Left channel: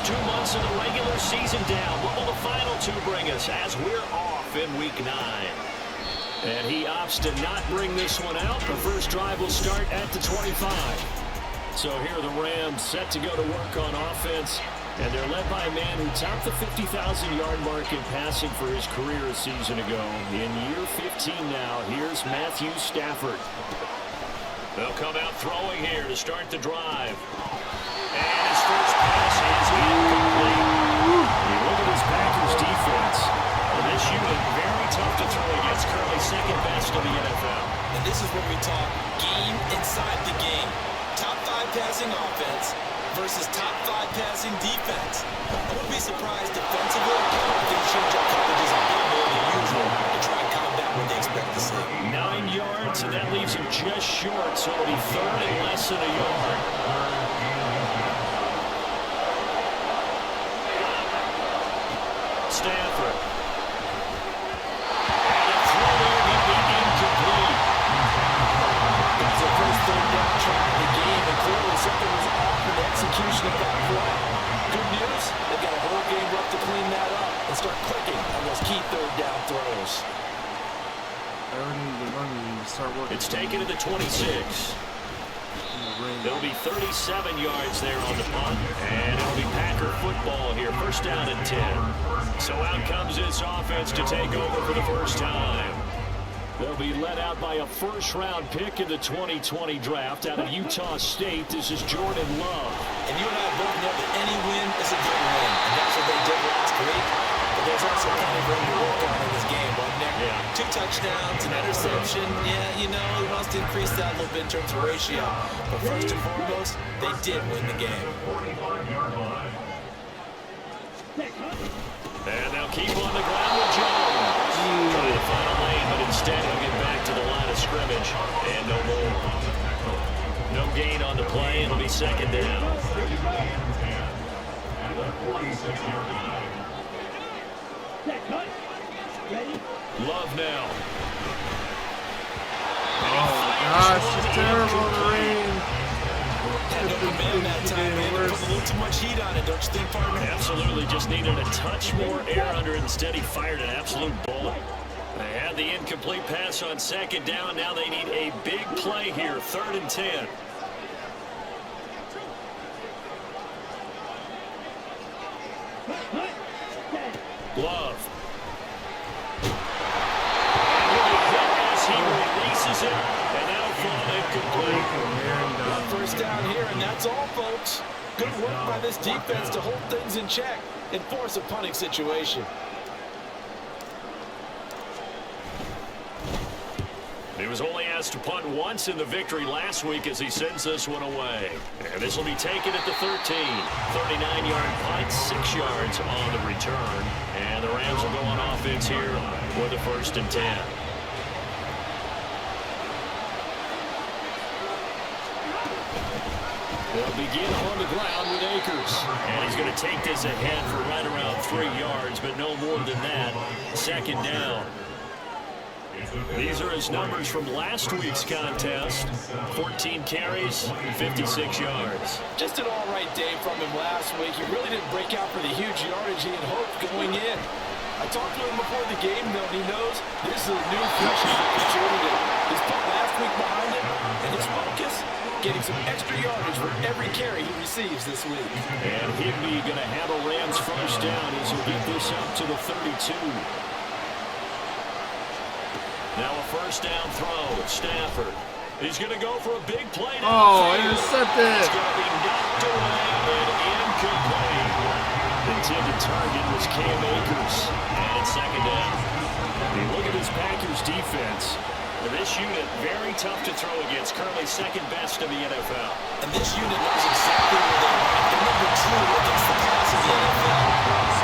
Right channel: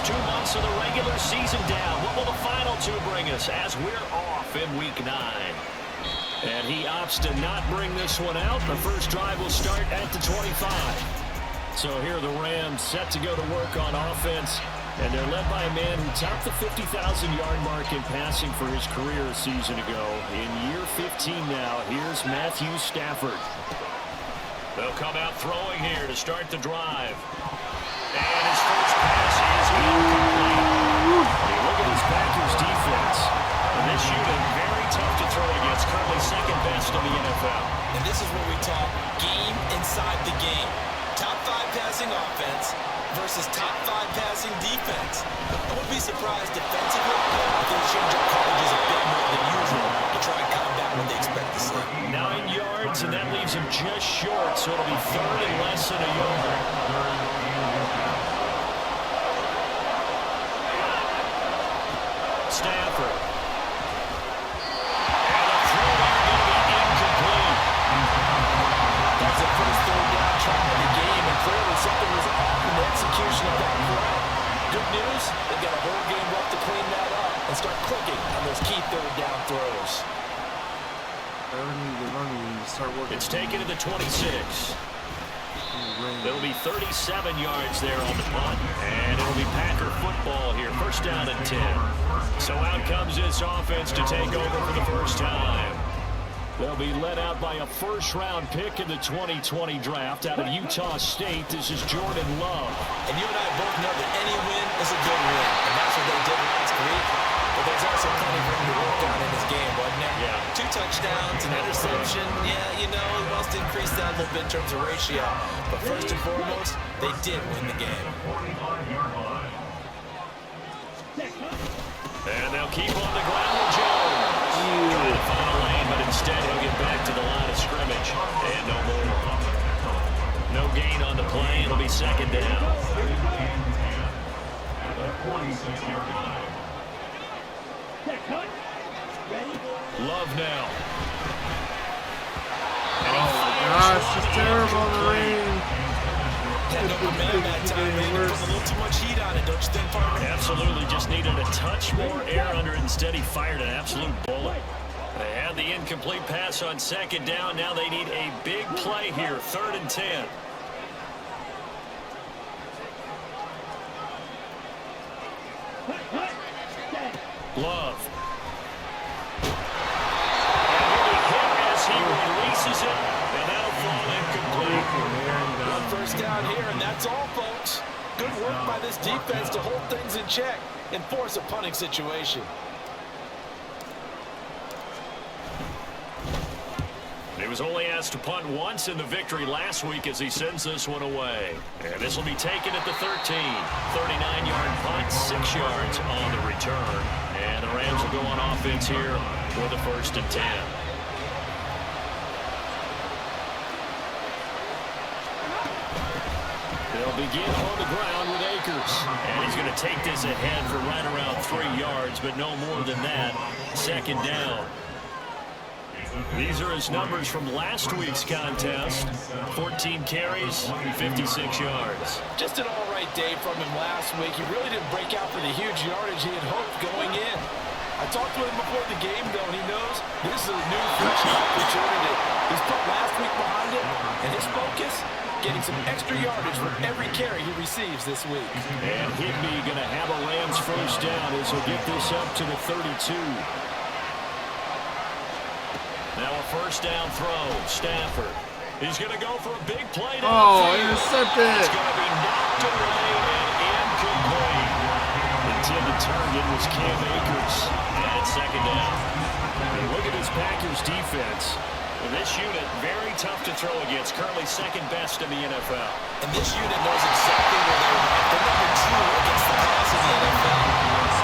first 2 months of the regular season down. What will the final two bring us as we're off in Week 9? And he opts to not bring this one out. The first drive will start at the 25. So here are the Rams set to go to work on offense. And they're led by a man who topped the 50,000-yard mark in passing for his career a season ago. In year 15 now, here's Matthew Stafford. They'll come out throwing here to start the drive. And his first pass is incomplete. When you look at his Packers defense, this unit very tough to throw against, currently second best in the NFL. And this is what we talk game inside the game. Top 5 passing offense versus top 5 passing defense. I wouldn't be surprised defensively if they change up coverages a bit more than usual to try and combat what they expect to see. 9 yards, and that leaves him just short, so it'll be third and less than a yard. Stafford. And a throw there going to be incomplete. That's the first third down try of the game, and clearly something was off in the execution of that play. Good news, they've got a whole game left to clean that up and start clicking on those key third down throws. It's taken to the 26. It'll be 37 yards there on the punt, and it'll be Packer football here. First down and 10. So out comes this offense to take over for the first time. They'll be led out by a first-round pick in the 2020 draft out of Utah State. This is Jordan Love. And you and I both know that any win is a good win, and that's what they did last week. But there's also plenty for him to work on in his game, wasn't there? Yeah. 2 touchdowns, an interception. Yeah, you know, he wants to increase that a little bit in terms of ratio. But first and foremost, they did win the game. And they'll keep on the ground with Jones. Trying to find a lane, but instead he'll get back to the line of scrimmage. And no more. No gain on the play. It'll be second down. Love now. Oh my gosh, it's terrible in the rain. Had no command that time, man. Put a little too much heat on it, don't you think, partner? Absolutely, just needed a touch more air under it. Instead, he fired an absolute bullet. They had the incomplete pass on second down. Now they need a big play here, third and 10. Love. And he'll be hit as he releases it, and that'll fall incomplete. One first down here, and that's all, folks. Good work by this defense to hold things in check and force a punting situation. He was only asked to punt once in the victory last week as he sends this one away. And this will be taken at the 13. 39-yard punt, 6 yards on the return. And the Rams will go on offense here with a first and 10. They'll begin on the ground with Akers. And he's going to take this ahead for right around 3 yards, but no more than that. Second down. These are his numbers from last week's contest. 14 carries, 56 yards. Just an all-right day from him last week. He really didn't break out for the huge yardage he had hoped going in. I talked to him before the game, though, and he knows this is a new, fresh opportunity. He's put last week behind him, and his focus, getting some extra yardage for every carry he receives this week. And Higbee going to have a Rams first down as he'll get this up to the 32. Now a first down throw. Stafford. He's going to go for a big play. Oh, intercepted. It's going to be knocked away and incomplete. The intended target was Cam Akers. And it's second down. Hey, look at this Packers defense. This unit, very tough to throw against. Currently second best in the NFL. And this unit knows exactly where they're rank. They're number 2 against the pass in the NFL.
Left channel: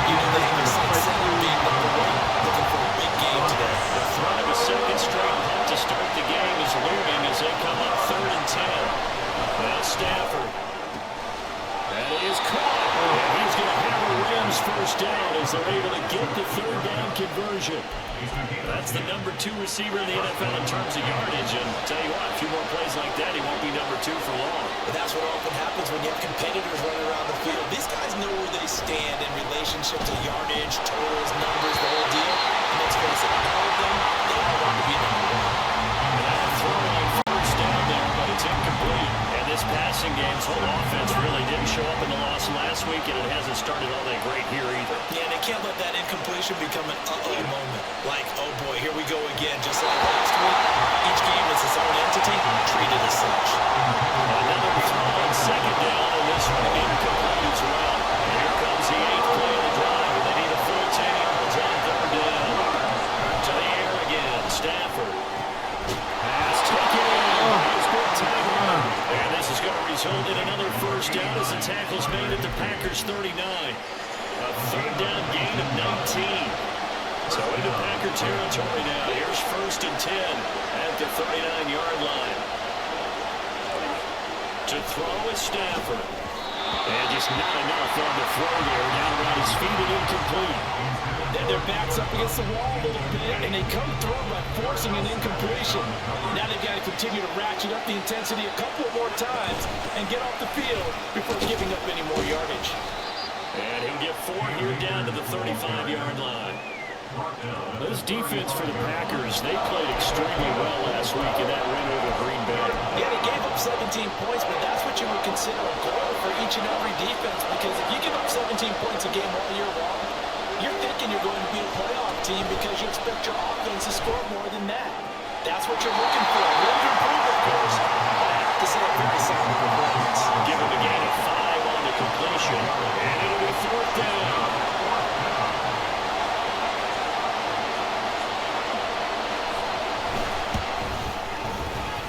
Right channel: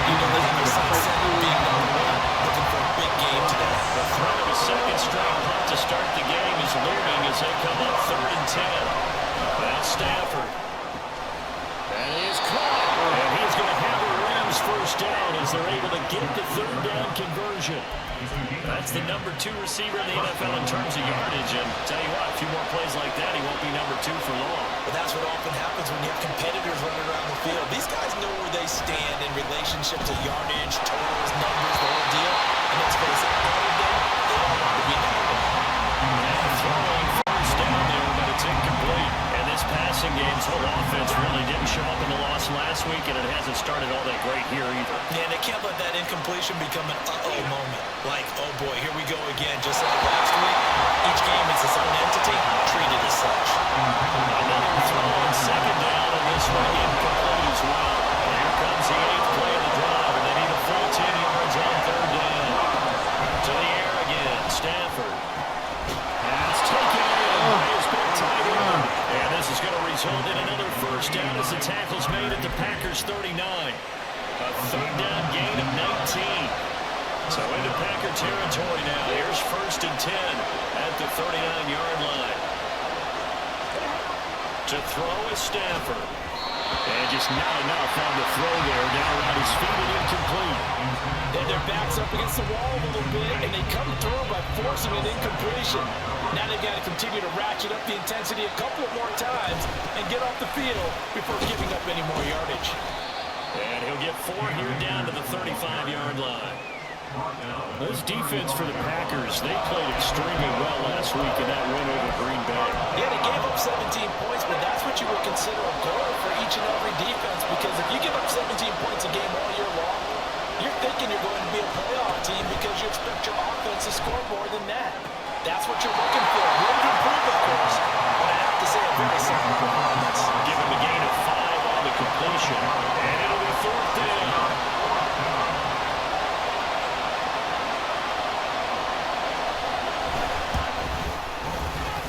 You know they have a sight set on being number 1. Looking for a big game today. The threat of a second straight punt to start the game is looming as they come up third and 10. Well, Stafford. That is caught. And he's going to have a Rams first down as they're able to get the third down conversion. That's the number 2 receiver in the NFL in terms of yardage. And tell you what, a few more plays like that, he won't be number 2 for long. But that's what often happens when you have competitors running around the field. These guys know where they stand in relationship to yardage, totals, numbers, the whole deal. And let's face it, all of them, they all want to be number 1. Now a throw on first down there, but it's incomplete. And this passing game's whole offense really didn't show up in the loss last week, and it hasn't started all that great here either. Yeah, and they can't let that incompletion become an uh-oh moment. Like, oh boy, here we go again, just like last week. Each game is its own entity, treated as such. Another throw on second down, and this one incomplete as well. And here comes the 8th play of the drive, and they need a full 10 yards on third down. To the air again, Stafford. Pass taken in by his big tight end. And this is going to result in another first down as the tackle's made at the Packers' 39. A third down gain of 19. So into Packer territory now. Here's first and 10 at the 39-yard line. To throw is Stafford. And just not enough on the throw there. Down around his feet and incomplete. Then their backs up against the wall a little bit, and they come through by forcing an incompletion. Now they've got to continue to ratchet up the intensity a couple of more times and get off the field before giving up any more yardage. And he'll get 4 here down to the 35-yard line. This defense for the Packers, they played extremely well last week in that win over Green Bay. Yeah, they gave up 17 points, but that's what you would consider a goal for each and every defense, because if you give up 17 points a game all year long, you're thinking you're going to be a playoff team because you expect your offense to score more than that. That's what you're looking for. Room to improve, of course, but I have to say a very solid performance. Give him a gain of 5 on the completion, and it'll be 4th down.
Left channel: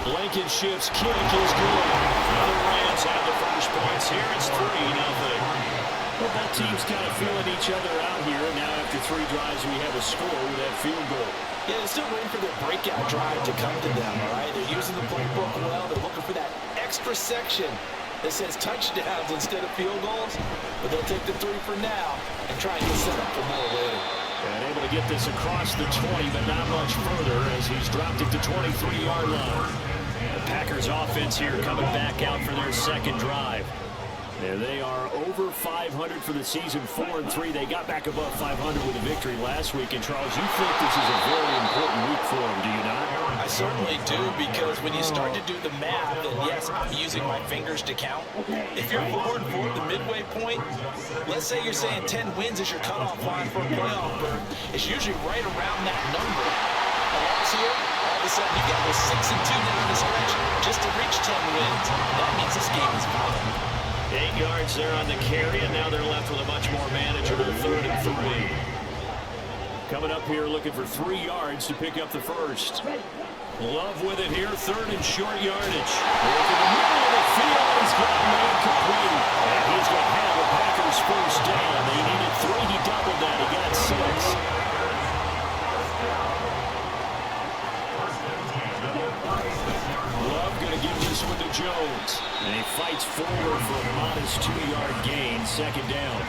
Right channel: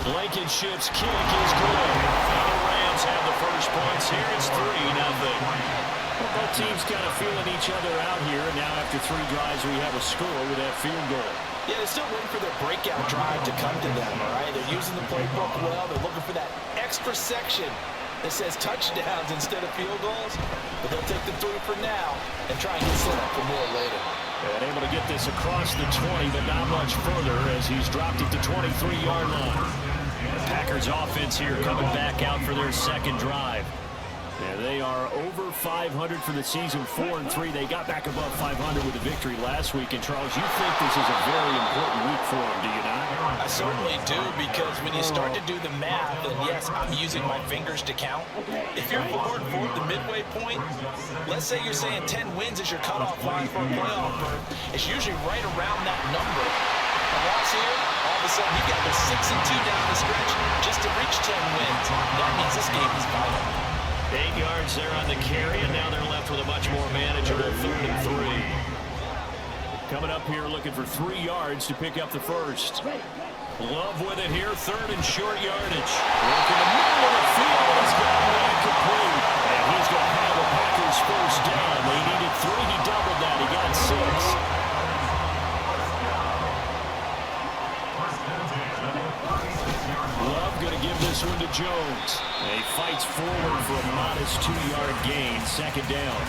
Blankenship's kick is good. Now the Rams have the first points here. It's 3-0. Well, both teams kind of feeling each other out here. And now after 3 drives, we have a score with that field goal. Yeah, they're still waiting for their breakout drive to come to them, all right? They're using the playbook well. They're looking for that extra section that says touchdowns instead of field goals. But they'll take the 3 for now and try and get set up for more later. And able to get this across the 20, but not much further as he's dropped it to 23-yard line. The Packers offense here coming back out for their second drive. And they are over 500 for the season, 4-3. They got back above 500 with a victory last week. And, Charles, you think this is a very important week for them, do you not? I certainly do, because when you start to do the math, and yes, I'm using my fingers to count. If you're 4-4 at the midway point, let's say you're saying 10 wins is your cutoff line for a playoff berth. It's usually right around that number. A loss here, all of a sudden you got to go 6-2 down the stretch just to reach 10 wins. That means this game is vital. 8 yards there on the carry, and now they're left with a much more manageable 3rd and 3. Coming up here looking for 3 yards to pick up the first. Love with it here, 3rd and short yardage. Work in the middle of the field, he's got man complete. And he's going to have the Packers first down. They needed 3, he doubled that, he got 6. Love going to give this one to Jones. And he fights forward for a modest 2-yard gain, 2nd down.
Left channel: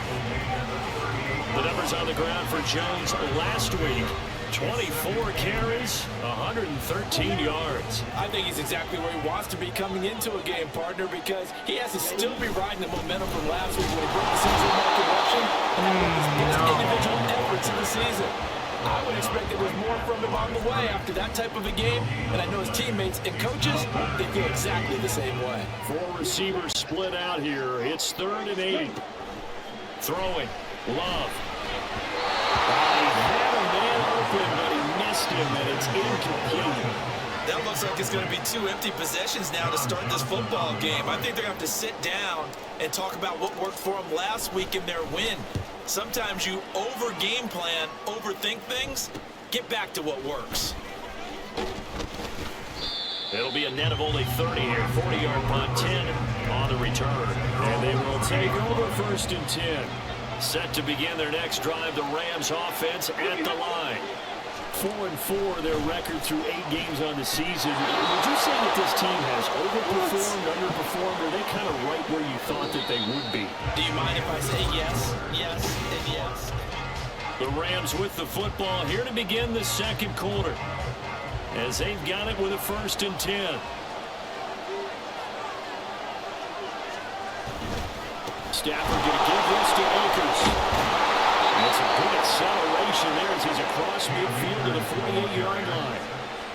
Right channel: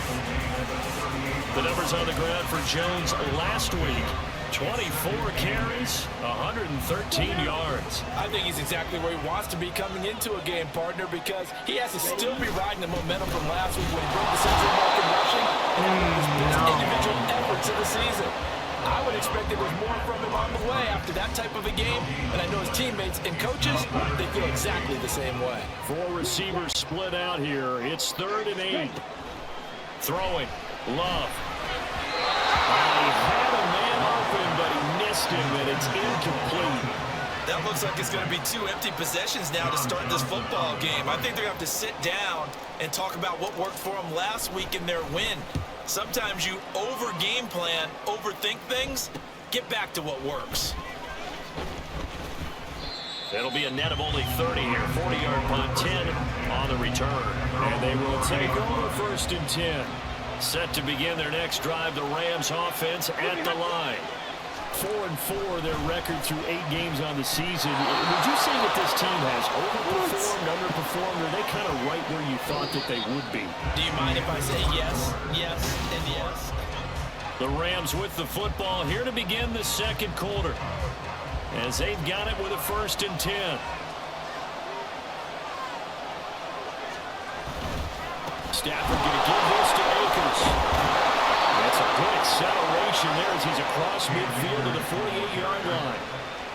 The numbers on the ground for Jones last week. 24 carries, 113 yards. I think he's exactly where he wants to be coming into a game, partner, because he has to still be riding the momentum from last week when he broke the century mark in rushing and had one of his best individual efforts of the season. I would expect that there's more from him on the way after that type of a game, and I know his teammates and coaches, they feel exactly the same way. 4 receivers split out here. It's 3rd and 8. Throwing. Love. He had a man open, but he missed him, and it's incomplete. That looks like it's going to be 2 empty possessions now to start this football game. I think they're going to have to sit down and talk about what worked for them last week in their win. Sometimes you over-game plan, overthink things. Get back to what works. It'll be a net of only 30 here. 40-yard punt, 10 on the return. And they will take over 1st and 10. Set to begin their next drive, the Rams offense at the line. 4-4 their record through 8 games on the season. Would you say that this team has overperformed, underperformed, or are they kind of right where you thought that they would be? Do you mind if I say yes, yes, and yes? The Rams with the football here to begin the second quarter, as they've got it with a 1st and 10. Stafford going to give this to Akers. That's a good acceleration there as he's across midfield to the 48-yard line.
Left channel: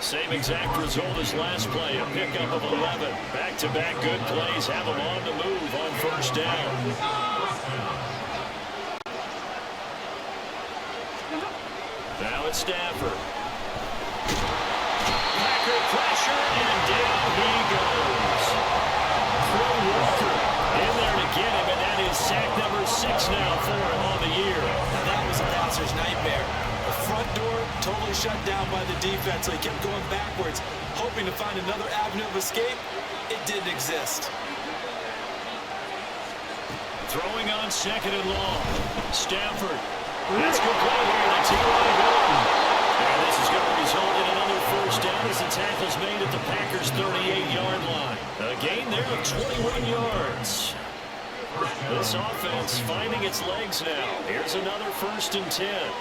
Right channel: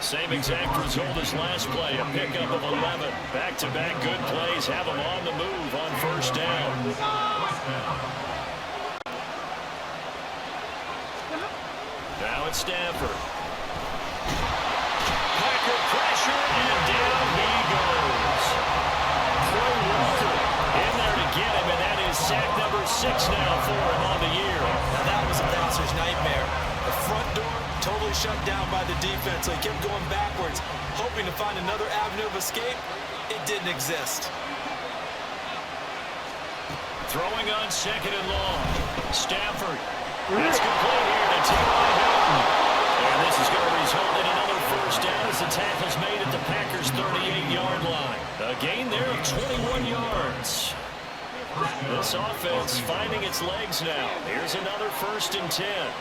Same exact result as last play, a pickup of 11. Back-to-back good plays have him on the move on 1st down. Now it's Stafford. Packer pressure, and down he goes. Trey Walker in there to get him, and that is sack number 6 now for him on the year. Now that was a passer's nightmare. The front door totally shut down by the defense, so he kept going backwards, hoping to find another avenue of escape. It didn't exist. Throwing on 2nd and long. Stafford. That's complete here to T.Y. Hilton. And this is going to result in another 1st down as the tackle's made at the Packers' 38-yard line. A gain there of 21 yards. This offense finding its legs now. Here's another 1st and 10.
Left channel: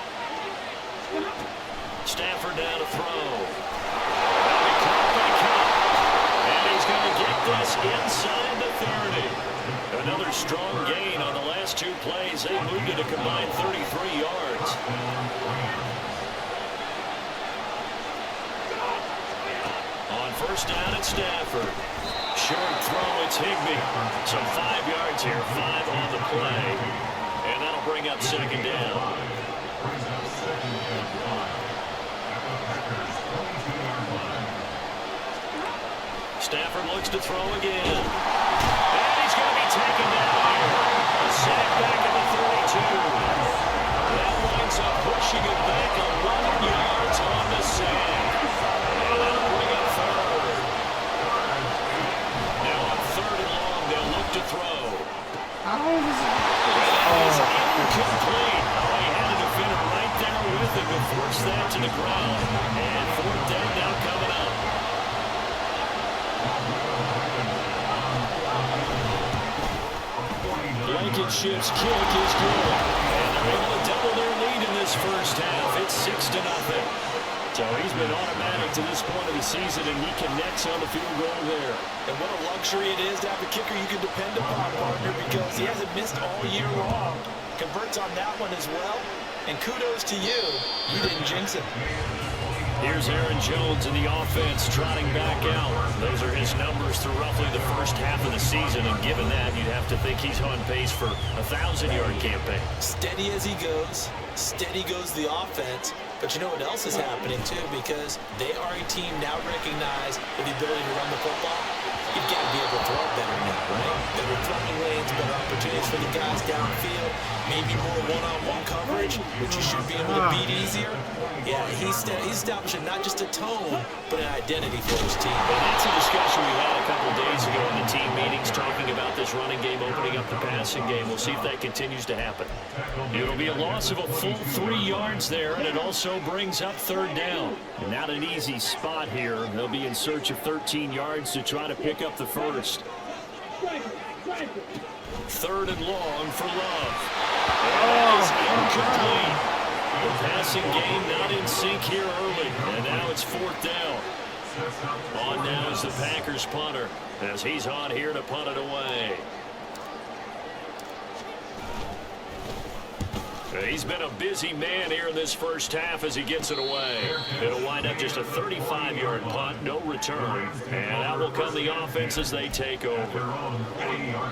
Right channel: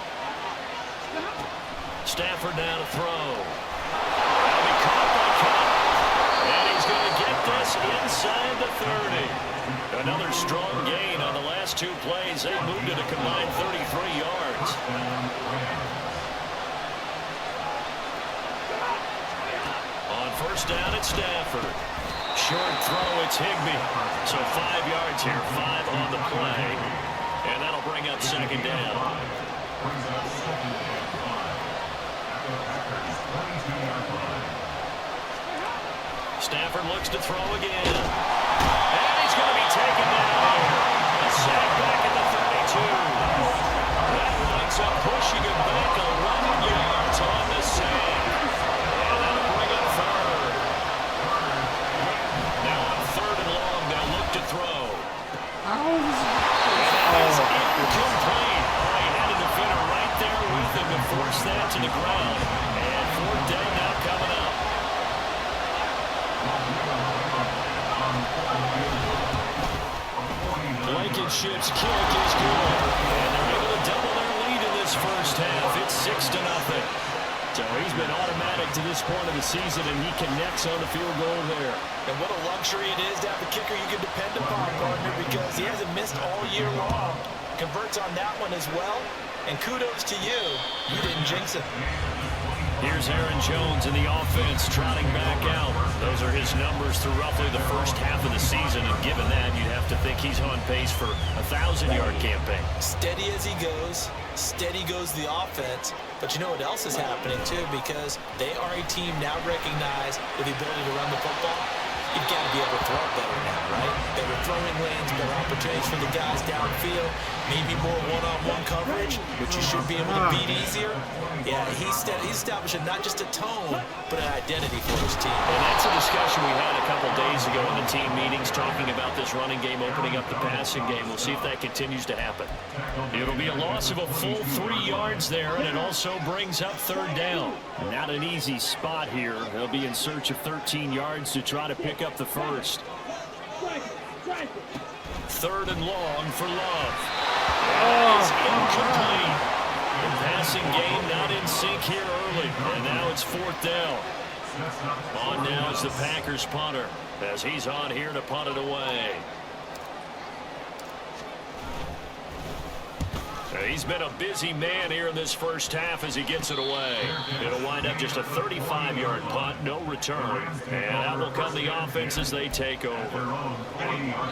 Stafford now to throw. That'll be caught by Cup. And he's going to get this inside the 30. Another strong gain on the last 2 plays. They moved it a combined 33 yards. On 1st down at Stafford. Short throw, it's Higbee. So 5 yards here, 5 on the play. And that'll bring up 2nd down. Stafford looks to throw again. And he's going to be taken down here. A sack back at the 32. That winds up pushing him back 11 yards on the sack. And that'll bring up 3rd. Now on 3rd and long, they'll look to throw. And that is incomplete. Oh, he had a defender right there with him to force that to the ground. And 4th down now coming up. Blankenship's kick is good. And they're able to double their lead in this 1st half. It's 6-0. So he's been automatic to this point of the season, and he connects on the field goal there. And what a luxury it is to have a kicker you can depend upon, partner, because he hasn't missed all year long. Converts on that one as well. And kudos to you. You didn't jinx him. Here's Aaron Jones in the offense trotting back out. Those are his numbers through roughly the 1st half of the season, and given that, you'd have to think he's on pace for a 1,000-yard campaign. Steady as he goes. Steady goes the offense. But you know what else is happening, too, because they are a team now recognized with the ability to run the football. You've got to be able to throw it better now, right? Better throwing lanes, better opportunities for the guys downfield, maybe more one-on-one coverage, which you should be able to beat easier. Yeah, he's establishing not just a tone, but an identity for his team. And that's a discussion we had a couple days ago in the team meetings, talking about this running game opening up the passing game. We'll see if that continues to happen. It'll be a loss of a full 3 yards there, and it also brings up 3rd down. And not an easy spot here. They'll be in search of 13 yards to try to pick up the 1st. 3rd and long for Love. And that is incomplete. The passing game not in sync here early. And now it's 4th down. On now is the Packers punter, as he's on here to punt it away. He's been a busy man here in this 1st half as he gets it away. It'll wind up just a 35-yard punt, no return. And out will come the offense as they take over.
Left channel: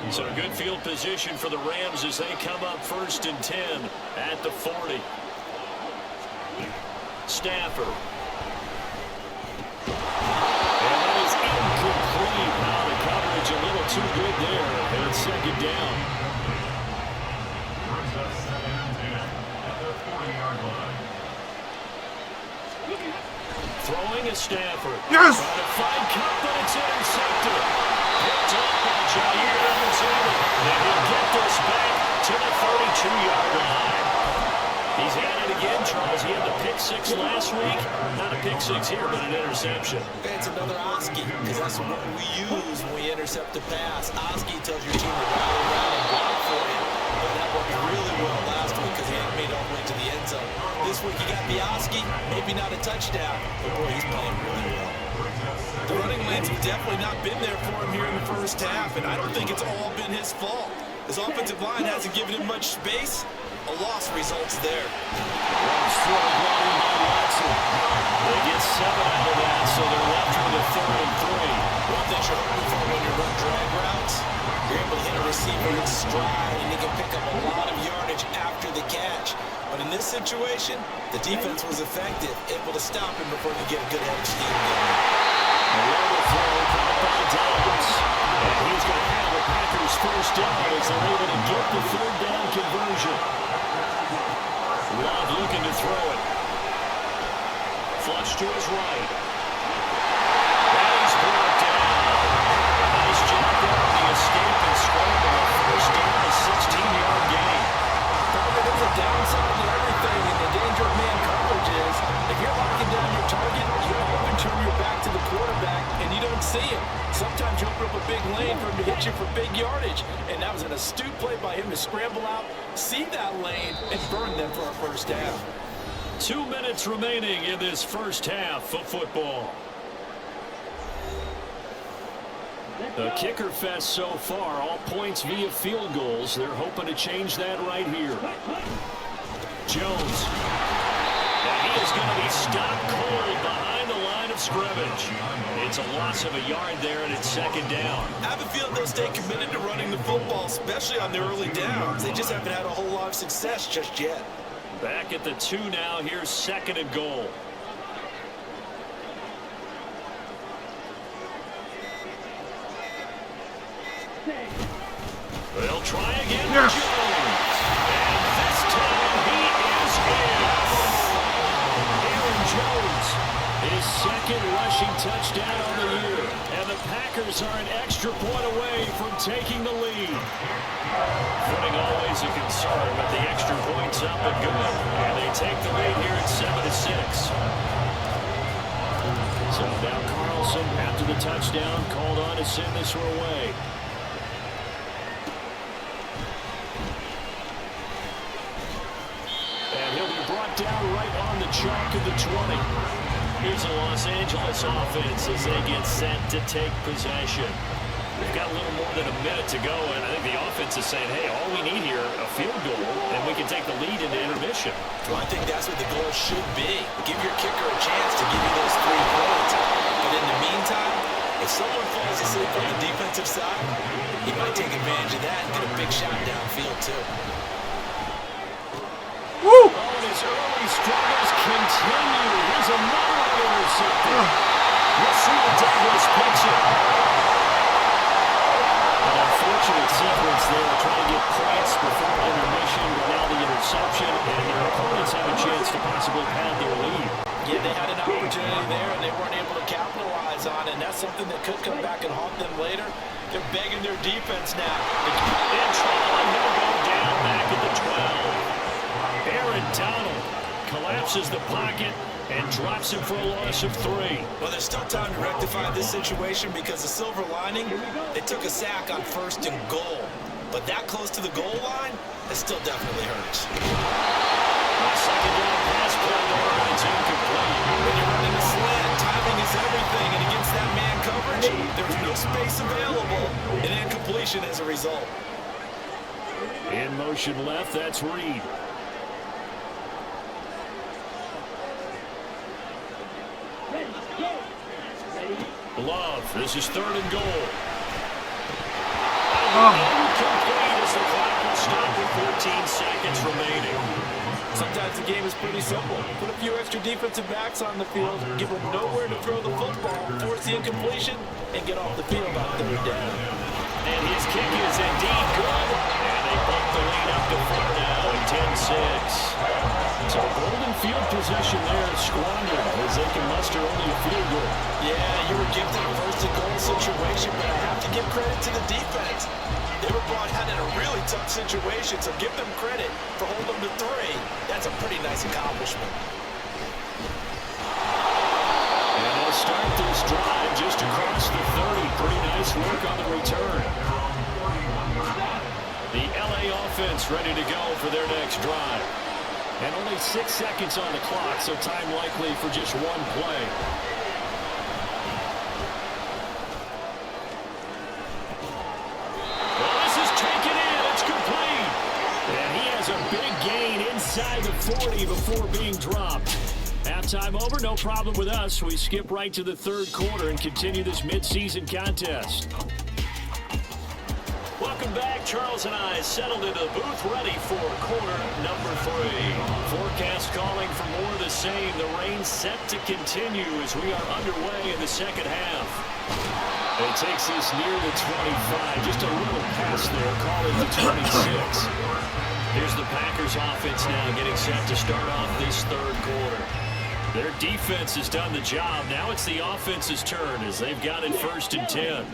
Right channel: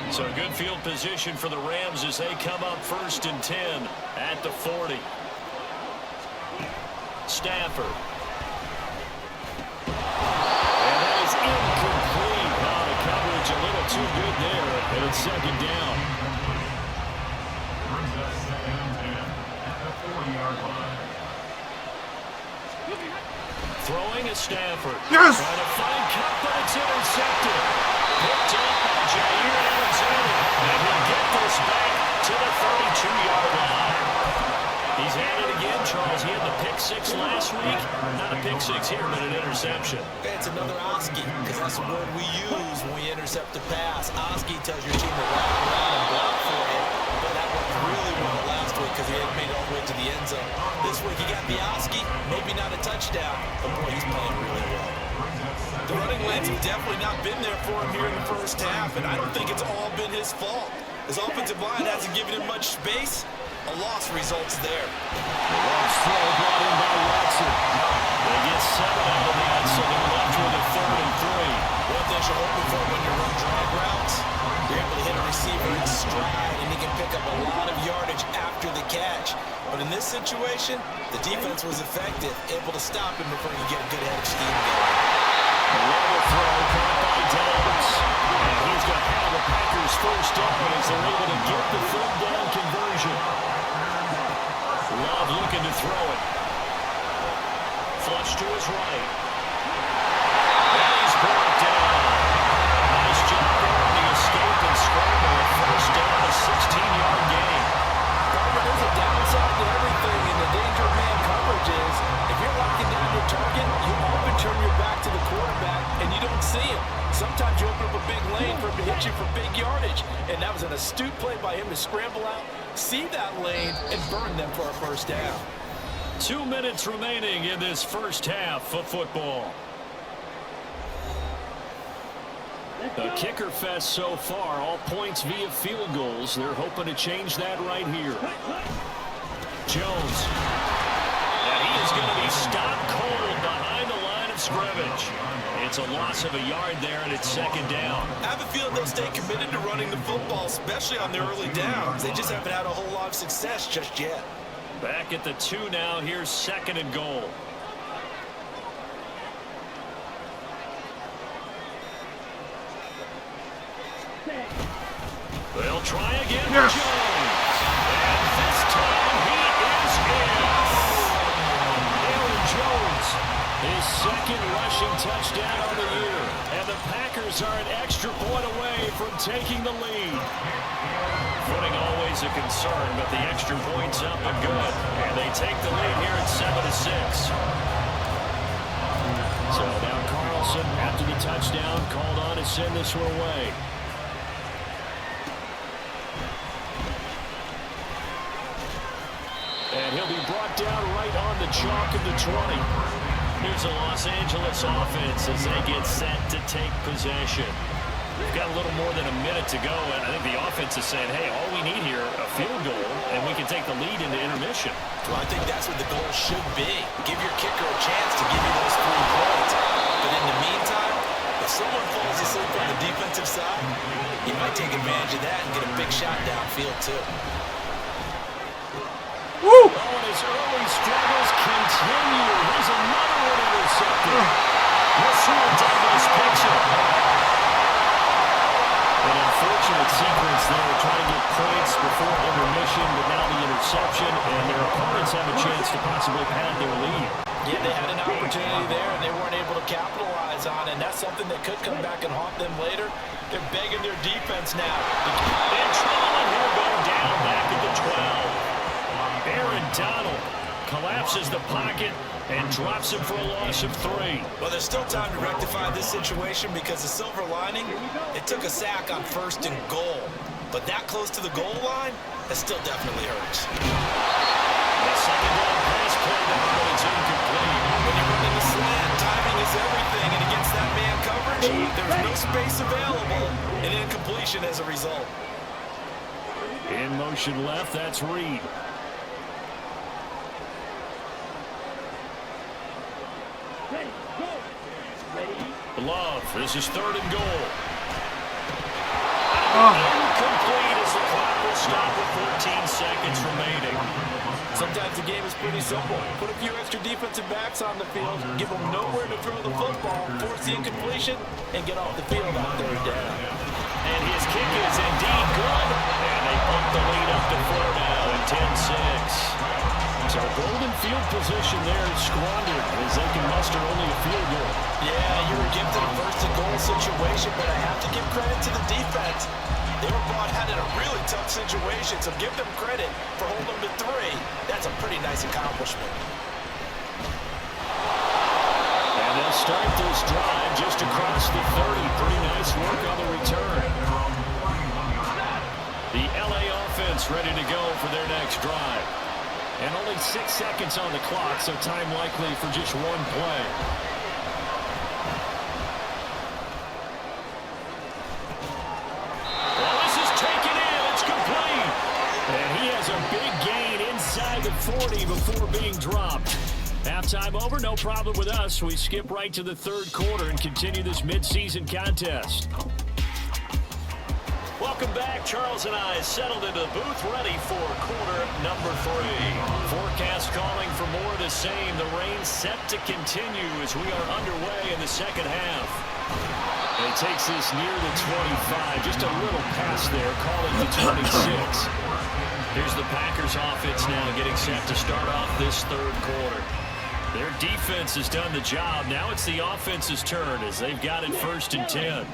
So good field position for the Rams as they come up 1st and 10 at the 40. Stafford. And that is incomplete. Now the coverage a little too good there. And it's 2nd down. Brings us 2nd and 10 at the 40-yard line. Throwing a Stafford. Yes! Trying to find Cup, but it's intercepted. Picked off by Jair Alexander. And he'll get this back to the 32-yard line. He's at it again, Charles. He had the pick six last week. Not a pick six here, but an interception. It's another Oski, because that's the word we use when we intercept a pass. Oski tells your team to rally around and block for you. But that worked really well last week because he hadn't made it all the way to the end zone. This week he got the Oski, maybe not a touchdown, but boy, he's playing really well. The running lanes have definitely not been there for him here in the first half, and I don't think it's all been his fault. His offensive line hasn't given him much space. A loss results there. Love's throw brought in by Watson. They get 7 out of that, so they're left with a 3rd and 3. One thing you're hoping for when you run drag routes, you're able to hit a receiver in stride, and he can pick up a lot of yardage after the catch. But in this situation, the defense was effective, able to stop him before he could get a good head of steam going. Another throw caught by Downs. And he's going to have the Packers first down as they're able to get the 3rd down conversion. Love looking to throw it. Flush to his right. And he's brought down. A nice job there on the escape and scramble. A first down, a 16-yard gain. There's a downside to everything, and the danger of man coverage is if you're locking down your target, you often turn your back to the quarterback and you don't see him. Sometimes you open up a big lane for him to hit you for big yardage, and that was an astute play by him to scramble out, see that lane, and burn them for a first down. 2 minutes remaining in this first half of football. A kicker fest so far, all points via field goals. They're hoping to change that right here. Jones. And he is going to be stopped cold behind the line of scrimmage. It's a loss of a yard there, and it's 2nd down. I have a feeling they'll stay committed to running the football, especially on the early downs. They just haven't had a whole lot of success just yet. Back at the 2 now. Here's 2nd and goal. They'll try again with Jones. And this time he is in. Aaron Jones, his 2nd rushing touchdown on the year. And the Packers are an extra point away from taking the lead. Footing always a concern, but the extra point's up and good. And they take the lead here at 7-6. So now Carlson, after the touchdown, called on to send this one away. And he'll be brought down right on the chalk of the 20. Here's the Los Angeles offense as they get set to take possession. We've got a little more than a minute to go, and I think the offense is saying, hey, all we need here, a field goal, and we can take the lead into intermission. Well, I think that's what the goal should be. Give your kicker a chance to give you those 3 points. But in the meantime, if someone falls asleep on the defensive side, he might take advantage of that and get a big shot downfield, too. Woo! Oh, and his early struggles continue. Here's another one intercepted. Rasul Douglas picks it. An unfortunate sequence there, trying to get points before intermission, but now the interception, and their opponents have a chance to possibly pad their lead. Yeah, they had an opportunity there, and they weren't able to capitalize on it, and that's something that could come back and haunt them later. They're begging their defense now. In trouble, and he'll go down back at the 12. Aaron Donald collapses the pocket and drops him for a loss of 3. Well, there's still time to rectify this situation because the silver lining, they took a sack on 1st and goal. But that close to the goal line, that still definitely hurts. A 2nd down pass play there, but it's incomplete. When you're running a slant, timing is everything, and against that man coverage, there's no space available, and incompletion as a result. In motion left, that's Reed. Love, this is 3rd and goal. Incomplete as the clock will stop with 14 seconds remaining. Sometimes the game is pretty simple. Put a few extra defensive backs on the field, give them nowhere to throw the football, force the incompletion, and get off the field on 3rd down. And his kick is indeed good. And they bump the lead up to 4 now at 10-6. So golden field position there squandered as they can muster only a field goal. Yeah, you were gifted a 1st and goal situation, but I have to give credit to the defense. They were brought out in a really tough situation, so give them credit for holding them to 3. That's a pretty nice accomplishment. And they'll start this drive just across the 30. Pretty nice work on the return. The LA offense ready to go for their next drive. And only 6 seconds on the clock, so time likely for just one play. Well, this is taken in. It's complete. And he has a big gain inside the 40 before being dropped. Halftime over, no problem with us. We skip right to the third quarter and continue this midseason contest. Welcome back. Charles and I settled into the booth ready for quarter number 3. Forecast calling for more of the same. The rain set to continue as we are underway in the second half. And he takes this near the 25. Just a little pass there, calling the 26. Here's the Packers offense now getting set to start off this third quarter. Their defense has done the job. Now it's the offense's turn as they've got it 1st and 10.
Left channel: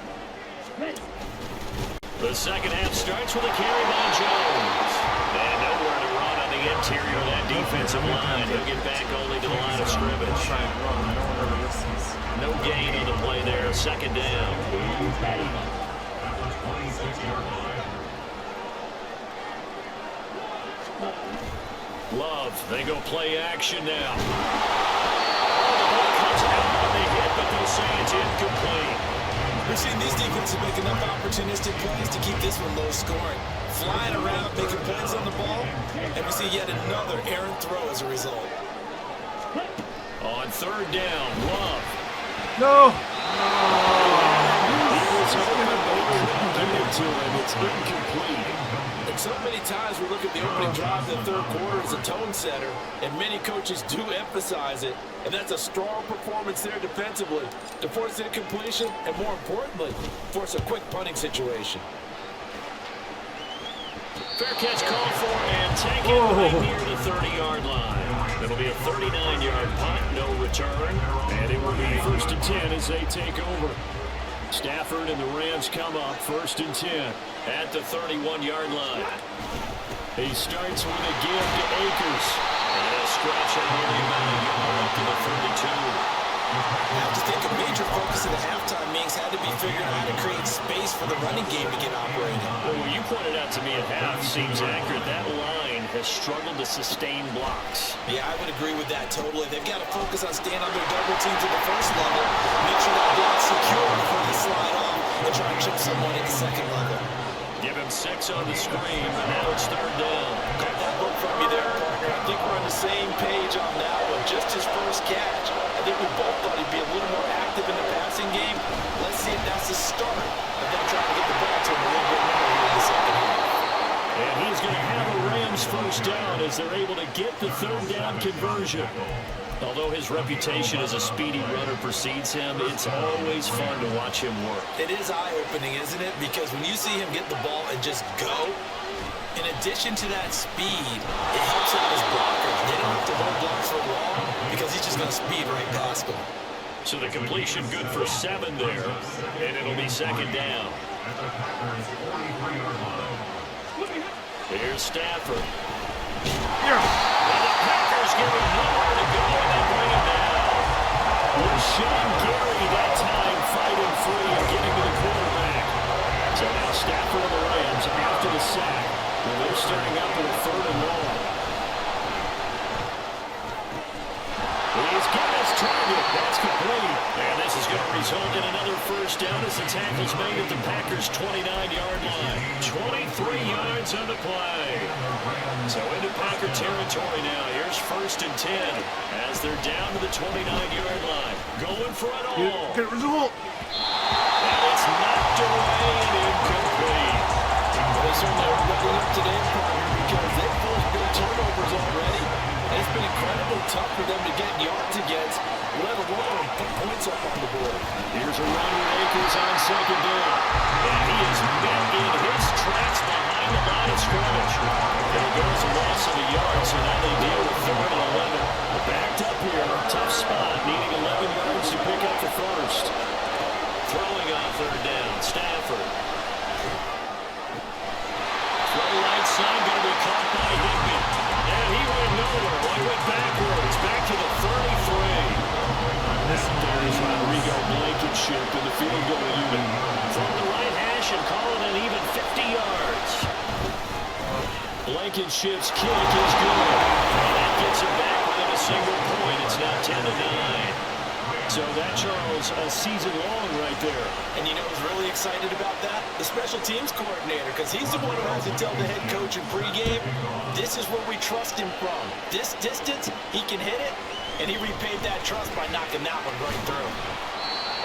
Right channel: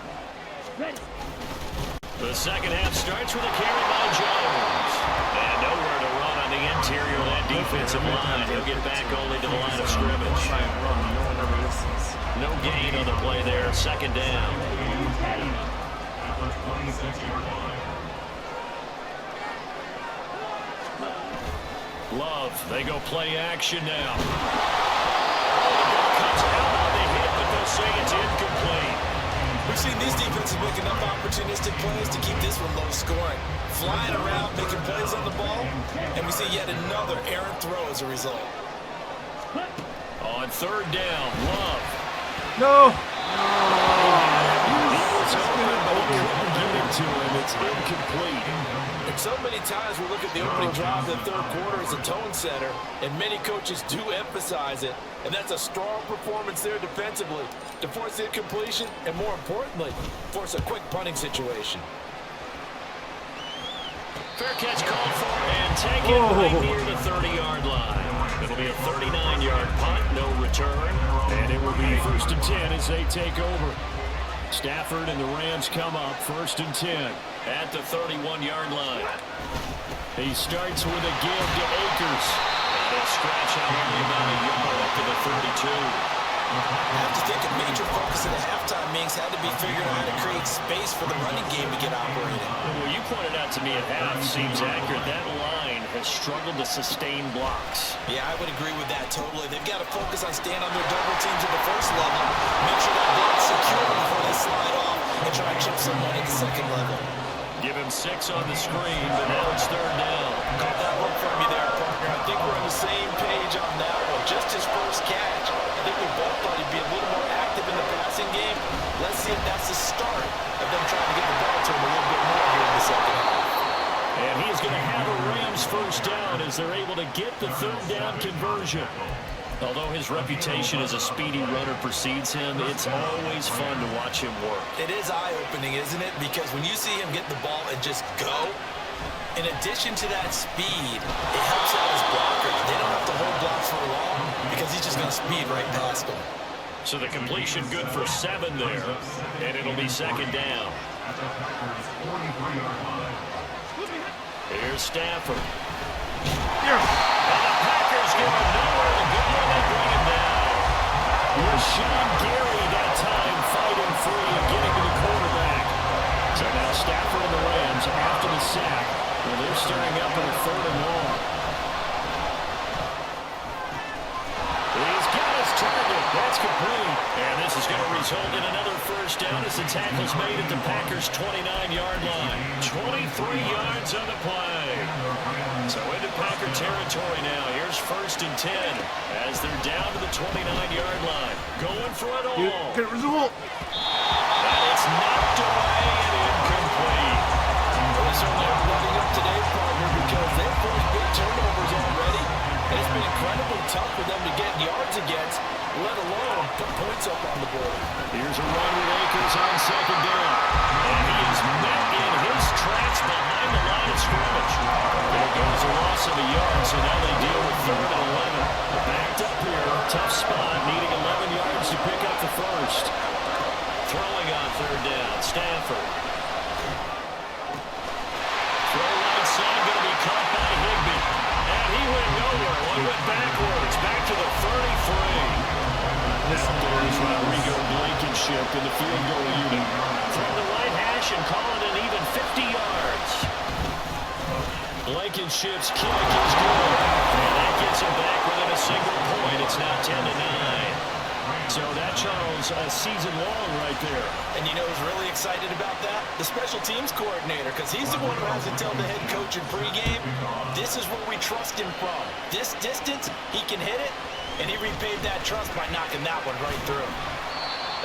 The second half starts with a carry by Jones. And nowhere to run on the interior of that defensive line. He'll get back only to the line of scrimmage. No gain on the play there. 2nd down. Love, they go play action now. Oh, the ball comes out on the hit, but they'll say it's incomplete. We've seen these defenses make enough opportunistic plays to keep this one low scoring. Flying around, making plays on the ball, and we see yet another errant throw as a result. On 3rd down, Love. No. He was open, but he couldn't get it to him. It's incomplete. And so many times we look at the opening drive of the third quarter as a tone setter, and many coaches do emphasize it, and that's a strong performance there defensively to force incompletion and, more importantly, force a quick punting situation. Fair catch called for and taken right near the 30-yard line. It'll be a 39-yard punt, no return, and it will be 1st and 10 as they take over. Stafford and the Rams come up 1st and 10 at the 31-yard line. He starts with a give to Akers. And he'll scratch out only about a yard up to the 32. I have to think a major focus of the halftime meetings had to be figuring out how to create space for the running game to get operating. Well, you pointed out to me at half seems accurate. That line has struggled to sustain blocks. Yeah, I would agree with that totally. They've got to focus on staying on their double teams at the first level, make sure that block's secure before they slide off and try and chip someone at the second level. Give him 6 on the screen, but now it's 3rd down. Caught that look from you there, partner. I think we're on the same page on that one. Just his first catch. I think we both thought he'd be a little more active in the passing game. Let's see if that's the start of them trying to get the ball to him a little bit more here in the second half. And he's going to have a Rams 1st down as they're able to get the 3rd down conversion. Although his reputation as a speedy runner precedes him, it's always fun to watch him work. It is eye-opening, isn't it? Because when you see him get the ball and just go, in addition to that speed, it helps out his blockers. They don't have to hold blocks for long because he's just going to speed right past them. So the completion good for 7 there, and it'll be 2nd down. Here's Stafford. Yes. Now the Packers give him nowhere to go, and they bring him down. Rashawn Gary that time fighting free and getting to the quarterback. So now Stafford and the Rams after the sack. Well, they're staring up at a 3rd and long. He's got his target. That's complete. And this is going to result in another 1st down as the tackle's made at the Packers' 29-yard line. 23 yards on the play. So into Packer territory now. Here's 1st and 10 as they're down to the 29-yard line. Going for it all. Good result. And it's knocked away and incomplete. Well, they certainly are letting up today, partner, because they've forced big turnovers already. And it's been incredibly tough for them to get yards against, let alone put points up on the board. Here's a run with Akers on 2nd down. And he is met in his tracks behind the line of scrimmage. It'll go as a loss of a yard, so now they deal with 3rd and 11. Backed up here, tough spot, needing 11 yards to pick up the 1st. Throwing on 3rd down, Stafford. inside, going to be caught by Higbee. And he went nowhere. One went backwards, back to the 33. Out there is Rodrigo Blankenship in the field goal unit. From the right hash and call it an even 50 yards. Blankenship's kick is good. And that gets him back within a single point. It's now 10-9. So that, Charles, a season long right there. And you know who's really excited about that? The special teams coordinator, because he's the one who has to tell the head coach in pregame, this is where we trust him from. This distance, he can hit it, and he repaid that trust by knocking that one right through.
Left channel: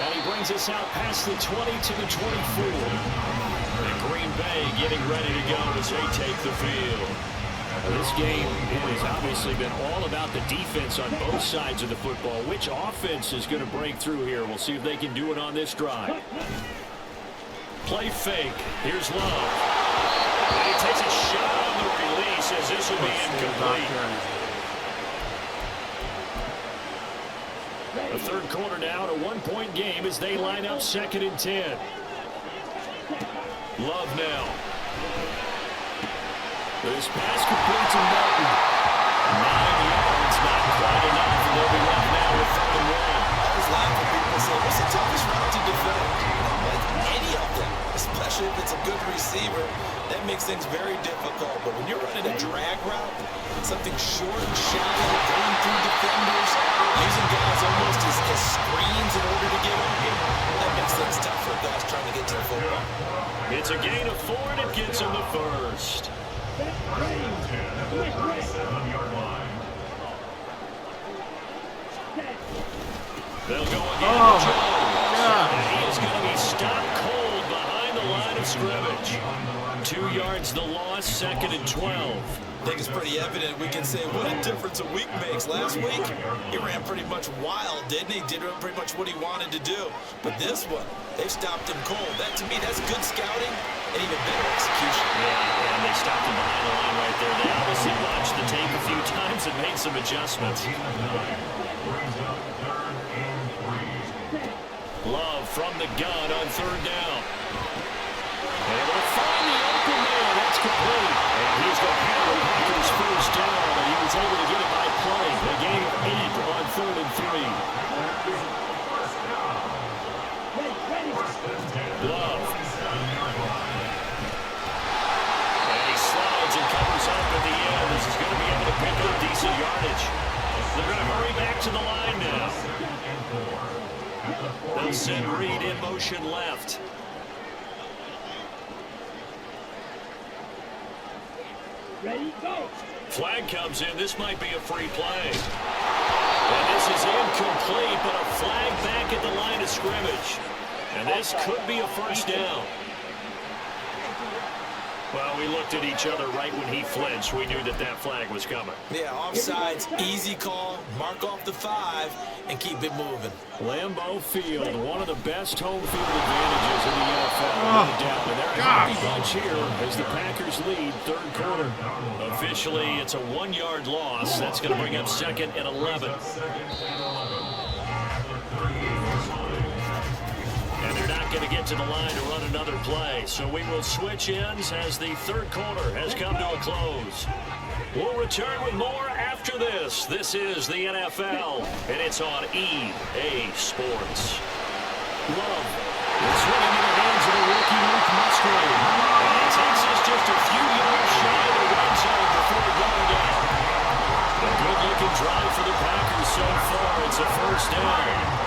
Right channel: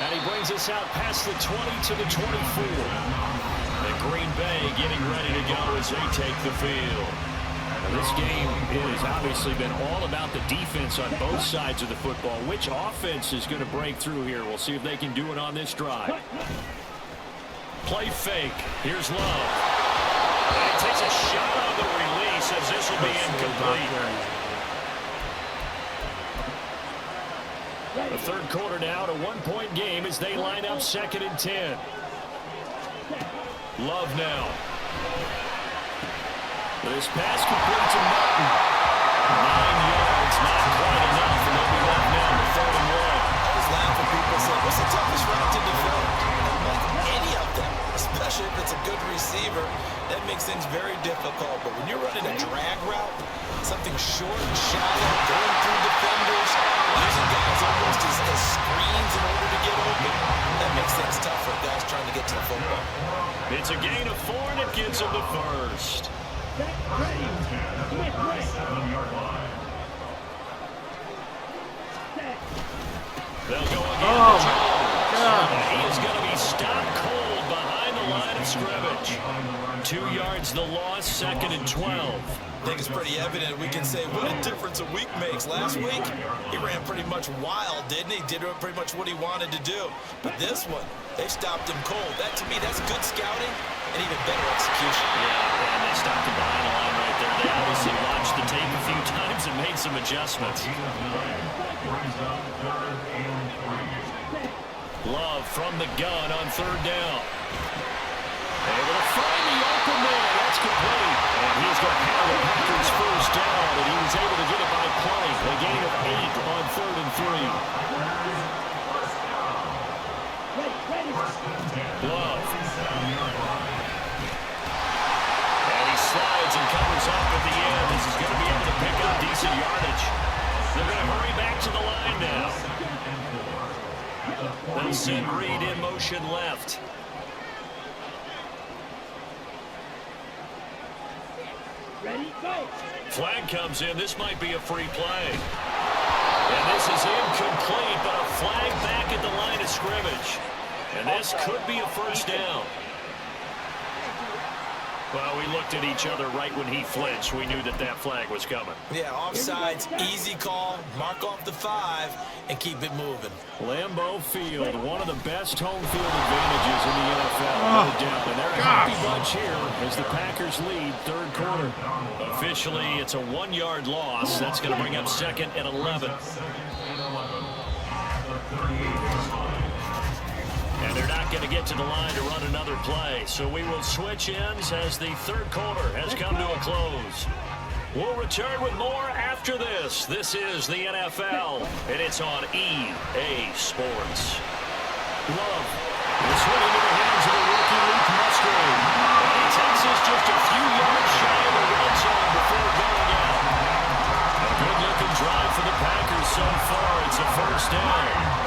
And he brings us out past the 20 to the 24. And Green Bay getting ready to go as they take the field. Now, this game, it has obviously been all about the defense on both sides of the football. Which offense is going to break through here? We'll see if they can do it on this drive. Play fake. Here's Love. And he takes a shot on the release as this will be incomplete. The third quarter now, a one-point game as they line up 2nd and 10. Love now. This pass complete to Martin. 9 yards, not quite enough, and they'll be left now with 3rd and 1. I always laugh when people say, what's the toughest route to defend? Like any of them, especially if it's a good receiver, that makes things very difficult. But when you're running a drag route, something short and shallow, going through defenders, using guys almost as screens in order to get open, that makes things tough for guys trying to get to the football. It's a gain of 4, and it gets them the first. 7-yard line. They'll go again Oh, to Jones. God. And he is going to be stopped cold behind the line of scrimmage. 2 yards the loss, 2nd and 12. I think it's pretty evident. We can say what a difference a week makes. Last week, he ran pretty much wild, didn't he? Did pretty much what he wanted to do. But this one, they stopped him cold. That, to me, that's good scouting and even better execution. Yeah, and they stopped him behind the line right there. They obviously watched the tape a few times and made some adjustments. Brings up 3rd and 3. Love from the gun on 3rd down. Able to find the open man. That's complete. And he's going to have the Packers first down, and he was able to get it by play. A gain of 8 on 3rd and 3. Love. And he slides and covers up at the end. This is going to be able to pick up decent yardage. They're going to hurry back to the line now. They'll send Reed in motion left. Ready, go. Flag comes in. This might be a free play. And this is incomplete, but a flag back at the line of scrimmage. And this could be a first down. Well, we looked at each other right when he flinched. We knew that that flag was coming. Yeah, offsides, easy call, mark off the 5, and keep it moving. Lambeau Field, one of the best home field advantages in the NFL, no doubt. And they're a happy bunch here as the Packers lead 3rd quarter. Officially, it's a 1-yard loss. That's going to bring up 2nd and 11. And they're not going to get to the line to run another play. So we will switch ends as the 3rd quarter has come to a close. We'll return with more after this. This is the NFL, and it's on EA Sports. Love. This one into the hands of the rookie Luke Musgrave. And he takes us just a few yards shy of the red zone before going out. A good-looking drive for the Packers so far. It's a first down.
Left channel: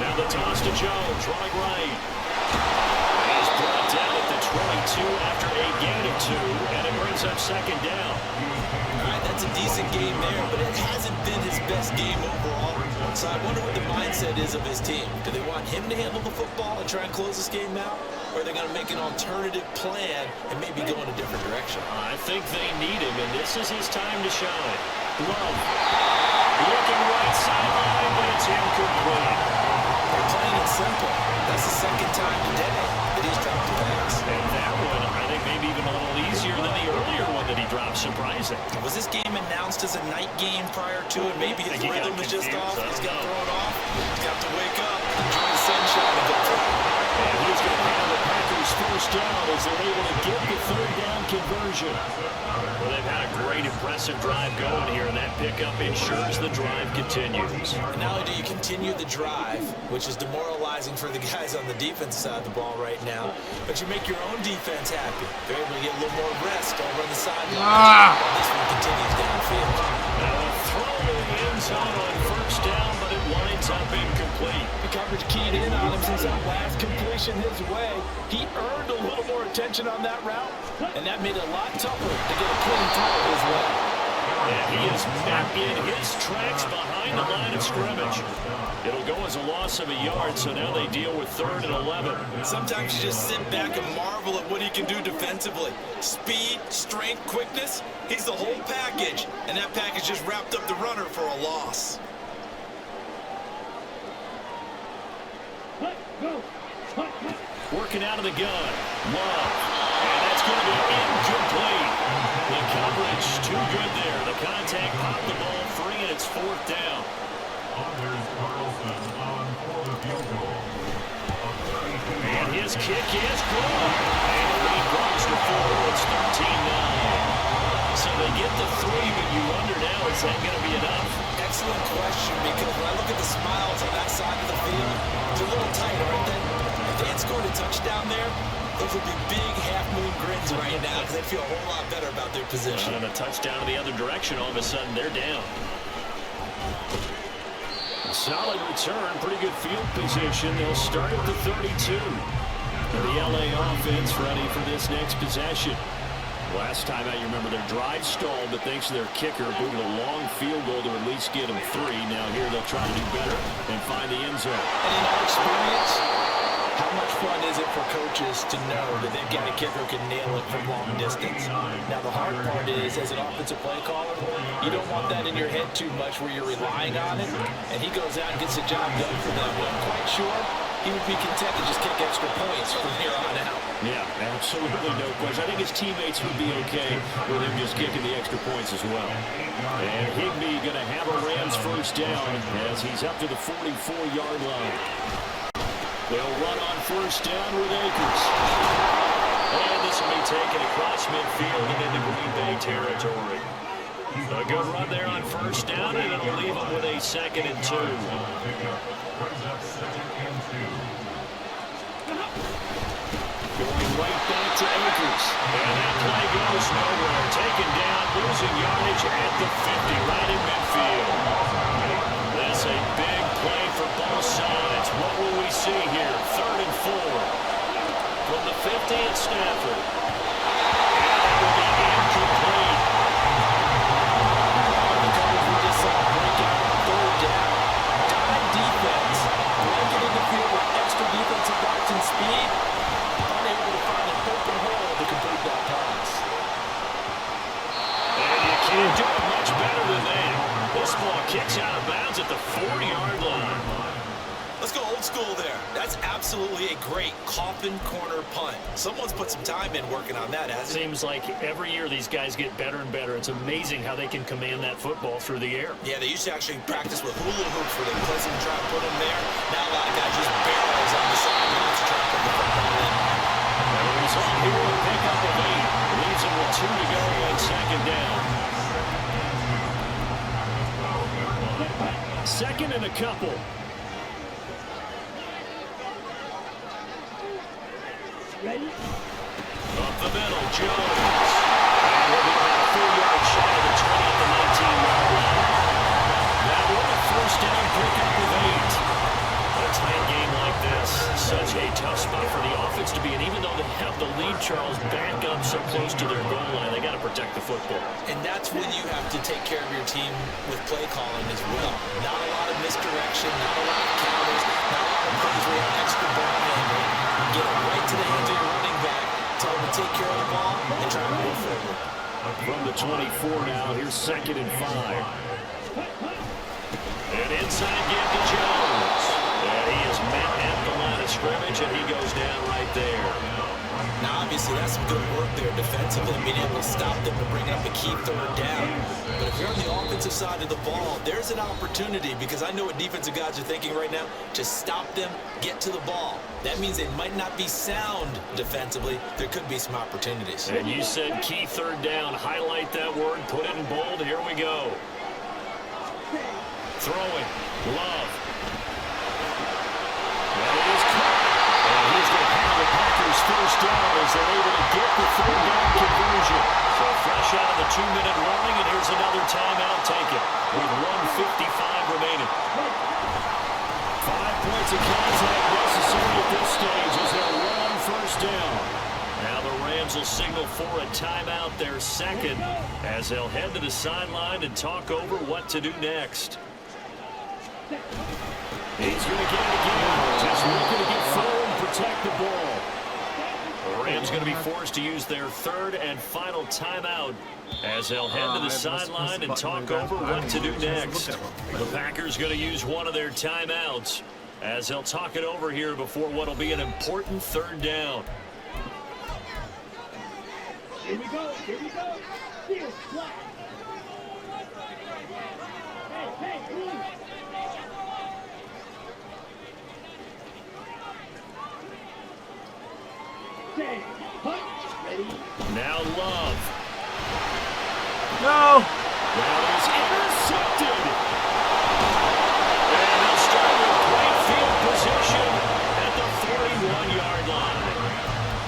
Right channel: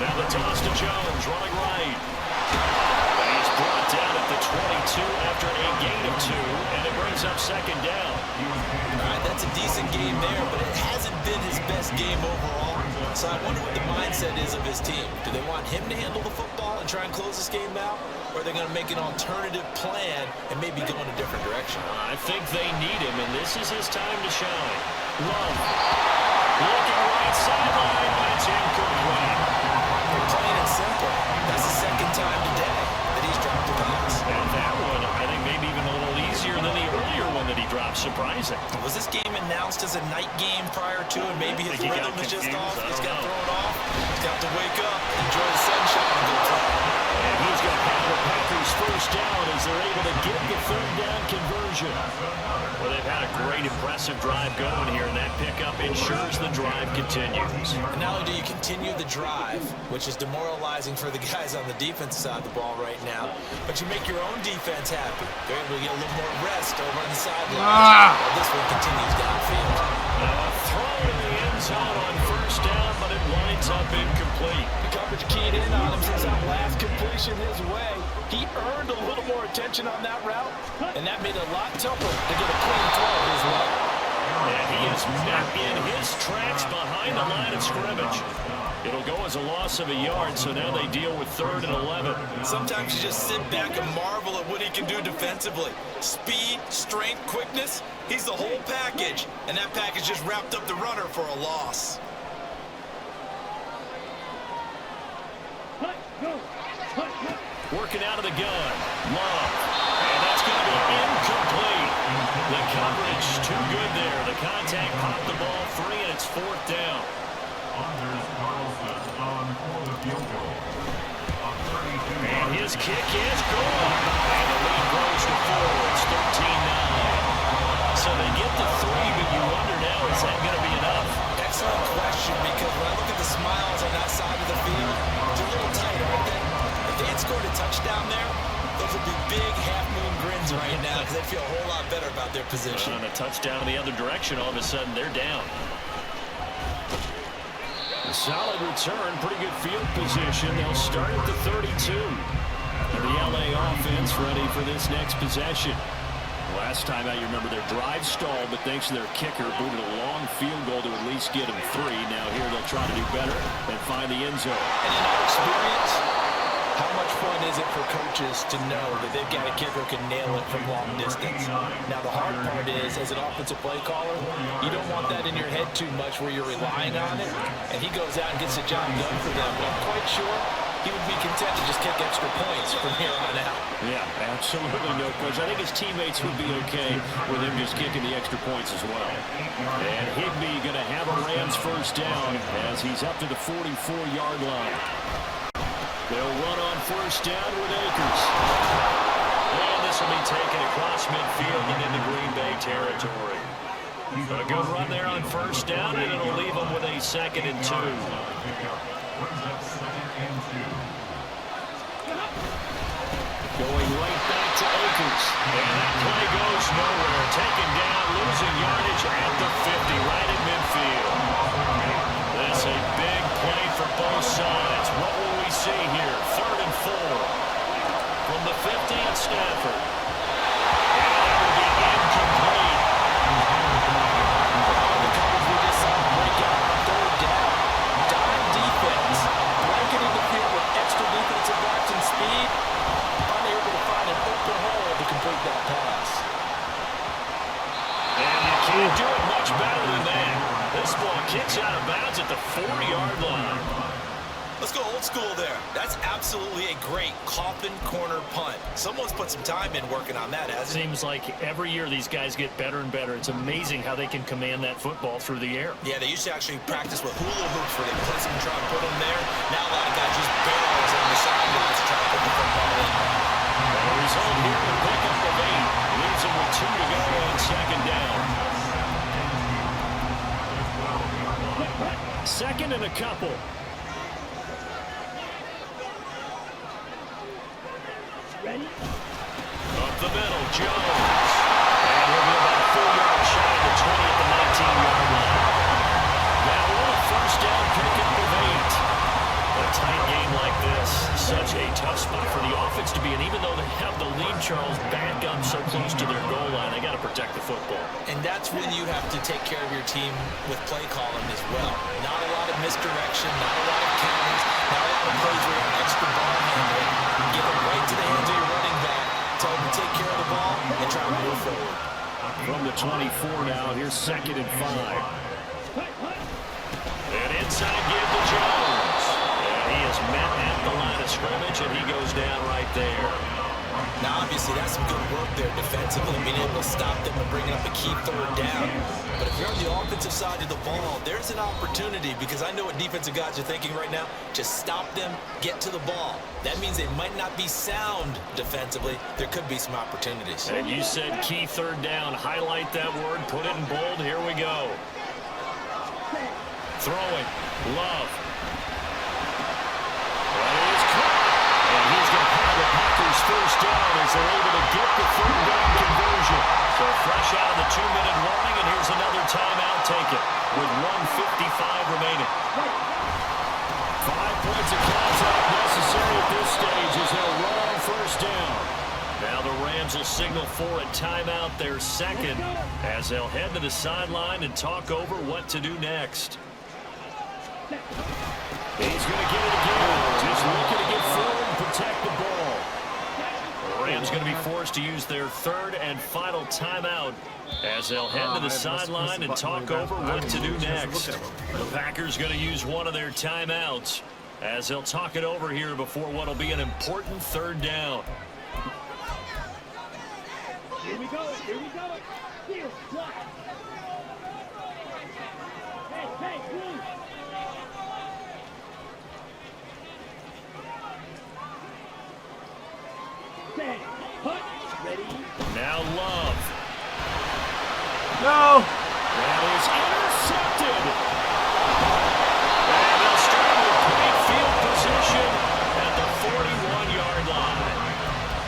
Now the toss to Jones, running right. And he's brought down at the 22 after a gain of 2, and it brings up 2nd down. All right, that's a decent game there, but it hasn't been his best game overall. So I wonder what the mindset is of his team. Do they want him to handle the football and try and close this game out? Or are they going to make an alternative plan and maybe go in a different direction? I think they need him, and this is his time to shine. Love. Looking right sideline, but it's incomplete. They're plain and simple. That's the 2nd time today that he's dropped a pass. And that one, I think maybe even a little easier than the earlier one that he dropped. Surprising. Was this game announced as a night game prior to it? Maybe his rhythm is just off. He's got to throw it off. He's got to wake up, enjoy the sunshine, and go play. And he's going to have the Packers first down as they're able to get the third down conversion. Well, they've had a great, impressive drive going here, and that pickup ensures the drive continues. And not only do you continue the drive, which is demoralizing for the guys on the defensive side of the ball right now, but you make your own defense happy. They're able to get a little more rest over on the sideline. While this one continues downfield. Now a throw to the end zone on first down, but it winds up incomplete. The coverage keyed in on him since that last completion his way. He earned a little more attention on that route, and that made it a lot tougher to get a clean throw his way. And he is met in his tracks behind the line of scrimmage. It'll go as a loss of a yard, so now they deal with 3rd and 11. Sometimes you just sit back and marvel at what he can do defensively. Speed, strength, quickness, he's the whole package. And that package just wrapped up the runner for a loss. Go. Working out of the gun. Love. And that's going to be incomplete. The coverage too good there. The contact popped the ball free, and it's 4th down. Anders Carlson on for the field goal. And his kick is good. And the lead grows to 4. It's 13-9. So they get the 3, but you wonder now, is that going to be enough? Excellent question, because when I look at the smiles on that side of the field, they're a little tight, aren't they? If they had scored a touchdown there, those would be big half-moon grins right now, because they'd feel a whole lot better about their position. And a touchdown in the other direction, all of a sudden they're down. A solid return, pretty good field position. They'll start at the 32. And the LA offense ready for this next possession. Last time out, you remember their drive stalled, but thanks to their kicker, booted a long field goal to at least get them 3. Now here they'll try to do better and find the end zone. And in our experience, how much fun is it for coaches to know that they've got a kicker who can nail it from long distance? Now, the hard part is, as an offensive play caller, you don't want that in your head too much where you're relying on it, and he goes out and gets the job done for them. But I'm quite sure he would be content to just kick extra points from here on out. Yeah, absolutely no question. I think his teammates would be okay with him just kicking the extra points as well. And Higbee going to have a Rams first down as he's up to the 44-yard line. They'll run on first down with Akers. And this will be taken across midfield and into Green Bay territory. A good run there on first down, and it'll leave them with a 2nd and 2. Going right back to Akers. And that play goes nowhere. Taken down, losing yardage at the 50, right in midfield. That's a big play for both sides. What will we see here? 3rd and 4. From the 50 at Stafford. And that will be incomplete. The coverage we just saw break out on 3rd down. Dime defense. Blanketing the field with extra defensive backs and speed. Unable to find an open hole to complete that pass. And you can't do it much better than that. This ball kicks out of bounds at the 40-yard line. Let's go old school there. That's absolutely a great coffin corner punt. Someone's put some time in working on that, hasn't it? Seems like every year these guys get better and better. It's amazing how they can command that football through the air. Yeah, they used to actually practice with hula hoops where they place them and try to put them there. Now a lot of guys use barrels on the sidelines to try to put the football in. And the result here, a pickup of 8. Leaves them with 2 to go on 2nd down. 2nd and a couple. Ready? Up the middle, Jones. And he'll be about a 4-yard shy of the 20 at the 19-yard line. That will a first down pickup of 8. A tight game like this, such a tough spot for the offense to be in. Even though they have the lead, Charles, back up so close to their goal line, they got to protect the football. And that's when you have to take care of your team with play calling as well. Not a lot of misdirection, not a lot of counters, not a lot of plays where you have extra ball handling. Get it right to the hands of your running back, tell him to take care of the ball, and try to move forward. From the 24 now, here's 2nd and 5. And inside give to Jones. And he is met at the line of scrimmage, and he goes down right there. Now, obviously, that's some good work there defensively, being able to stop them and bring up a key third down. But if you're on the offensive side of the ball, there's an opportunity, because I know what defensive guys are thinking right now, to stop them, get to the ball. That means they might not be sound defensively. There could be some opportunities. And you said key third down. Highlight that word, put it in bold. Here we go. Throwing. Love. And he is caught. And he's going to have the Packers first down as they're able to get the third down conversion. So fresh out of the 2-minute warning, and here's another timeout taken with 1:55 remaining. 5 points of contact necessary at this stage as they'll run first down. Now the Rams will signal for a timeout, their second, as they'll head to the sideline and talk over what to do next. He's going to get it again. Just looking to get forward and protect the ball. The Rams going to be forced to use their third and final timeout as they'll head to the sideline and talk over what to do next. The Packers going to use one of their timeouts as they'll talk it over here before what will be an important third down. Here we go. Here we go. Field flat. Hey, please. Set. Hut. Ready. Now Love. No. That is intercepted. And they'll start with great field position at the 41-yard line.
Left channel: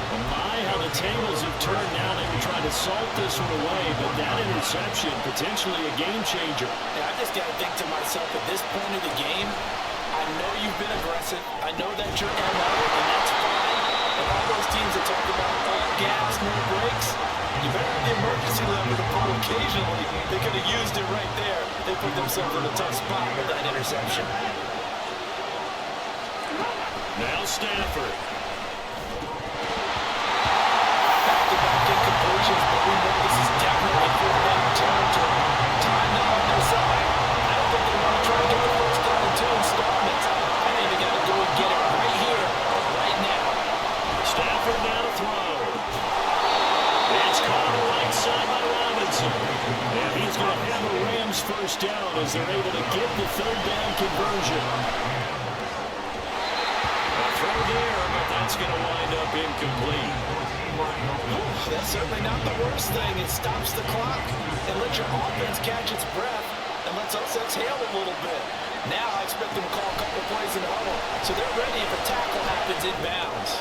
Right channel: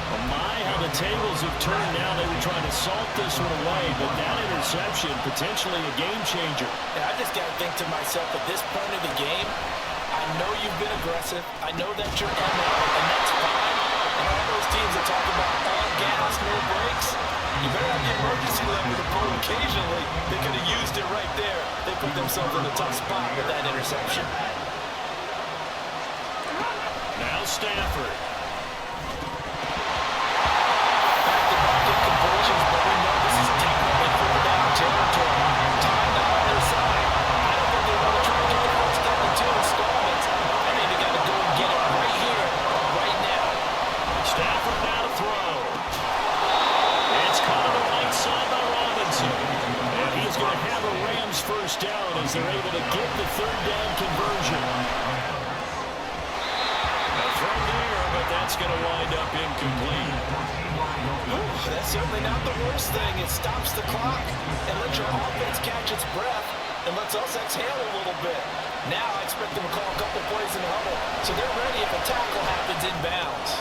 Well, my, how the tables have turned now. They were trying to salt this one away, but that interception, potentially a game changer. Yeah, I just got to think to myself, at this point of the game, I know you've been aggressive. I know that's your MO, and that's fine. And all those teams that talk about all gas, no brakes, you better have the emergency lever to pull occasionally. They could have used it right there. They put themselves in a tough spot with that interception. Now Stafford. Back-to-back incompletions, but we know this is definitely fourth down territory. Time now on their side. I don't think they want to try to get the first down in 2 installments. I think they got to go and get it right here, right now. Stafford now to throw. It's caught on the right side by Robinson. And he's going to have a Rams first down as they're able to get the third down conversion. A throw there, but that's going to wind up incomplete. Ooh, that's certainly not the worst thing. It stops the clock and lets your offense catch its breath and lets us exhale a little bit. Now I expect them to call a couple plays in the huddle, so they're ready if a tackle happens inbounds.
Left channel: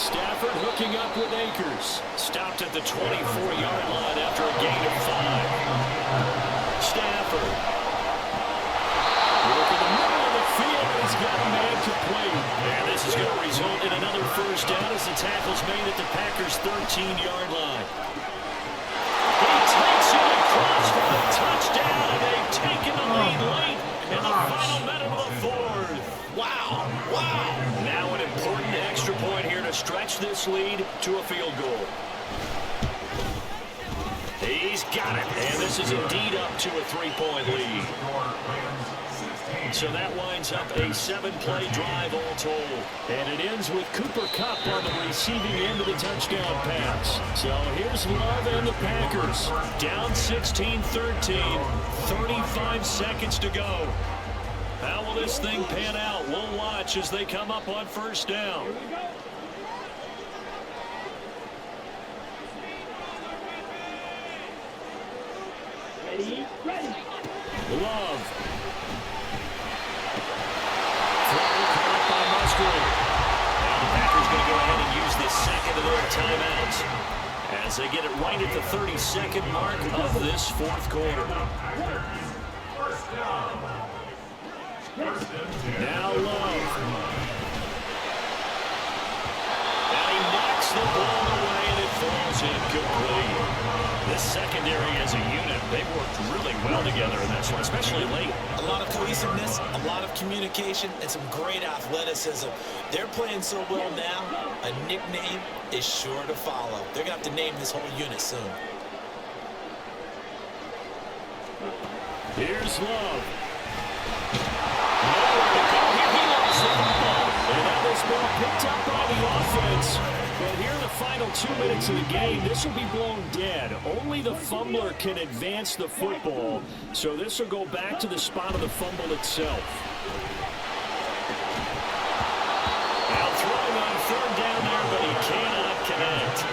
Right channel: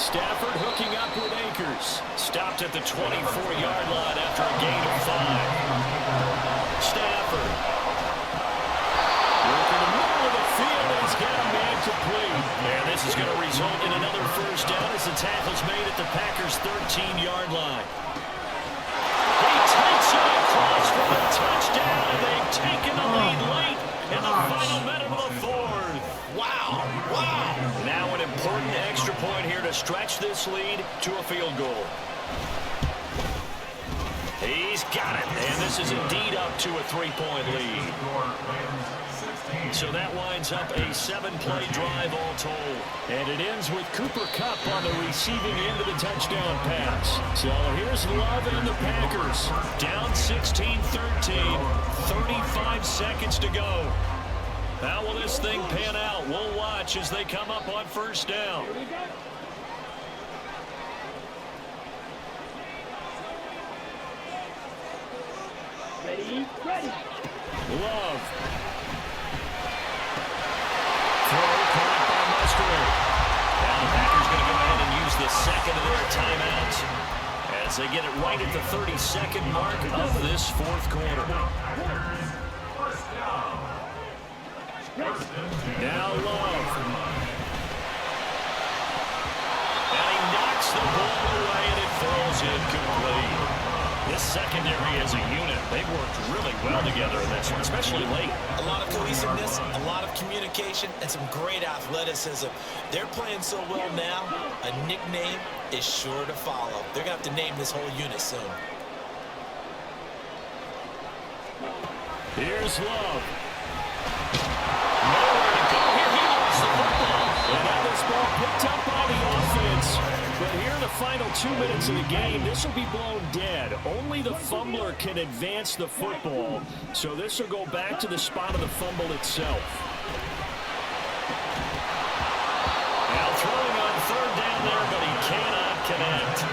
Stafford hooking up with Akers. Stopped at the 24-yard line after a gain of 5. Stafford. Working the middle of the field, and he's got a man complete. And this is going to result in another first down as the tackle's made at the Packers' 13-yard line. He takes it across for the touchdown, and they've taken the lead late in the final minute of the fourth. Wow, wow. Now an important extra point here to stretch this lead to a field goal. He's got it, and this is indeed up to a 3-point lead. So that winds up a 7-play drive all told. And it ends with Cooper Kupp on the receiving end of the touchdown pass. So here's Love and the Packers. Down 16-13, 35 seconds to go. How will this thing pan out? We'll watch as they come up on first down. Here we go. Ready. Love. Throw caught by Musgrave. Now the Packers going to go ahead and use the second of their timeouts as they get it right at the 32nd mark of this fourth quarter. Now Love. And he knocks the ball away, and it falls incomplete. This secondary as a unit, they've worked really well together in this one, especially late. A lot of cohesiveness, a lot of communication, and some great athleticism. They're playing so well now, a nickname is sure to follow. They're going to have to name this whole unit soon. Here's Love. Nowhere to go here. He lost the football. And now this this ball picked up by the offense. But here in the final 2 minutes of the game, this will be blown dead. Only the fumbler can advance the football. So this will go back to the spot of the fumble itself. Now throwing on third down there, but he cannot connect.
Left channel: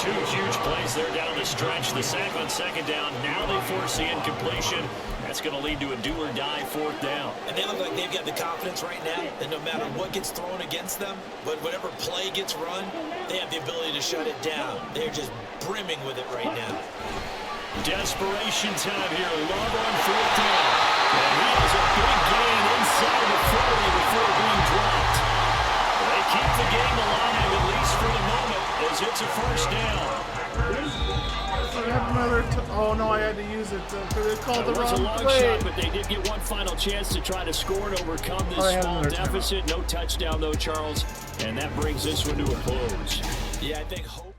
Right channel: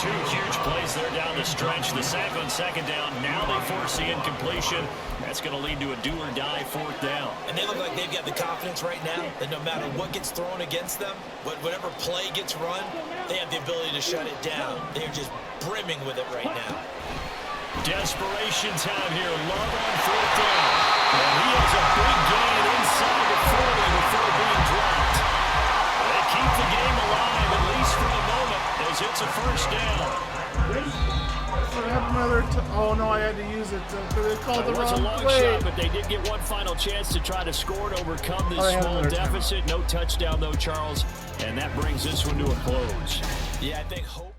Two huge plays there down the stretch. The sack on second down. Now they force the incompletion. That's going to lead to a do-or-die fourth down. And they look like they've got the confidence right now that no matter what gets thrown against them, whatever play gets run, they have the ability to shut it down. They're just brimming with it right now. Desperation time here. Love on fourth down. And he has a big gain inside the 40 before being dropped. They keep the game alive, at least for the moment, as it's a first down. Oh no, I had to use it because they called the It was wrong a long play. shot, but they did get one final chance to try to score and overcome this small deficit. No touchdown, though, Charles. And that brings this one to a close. Yeah, I think hope.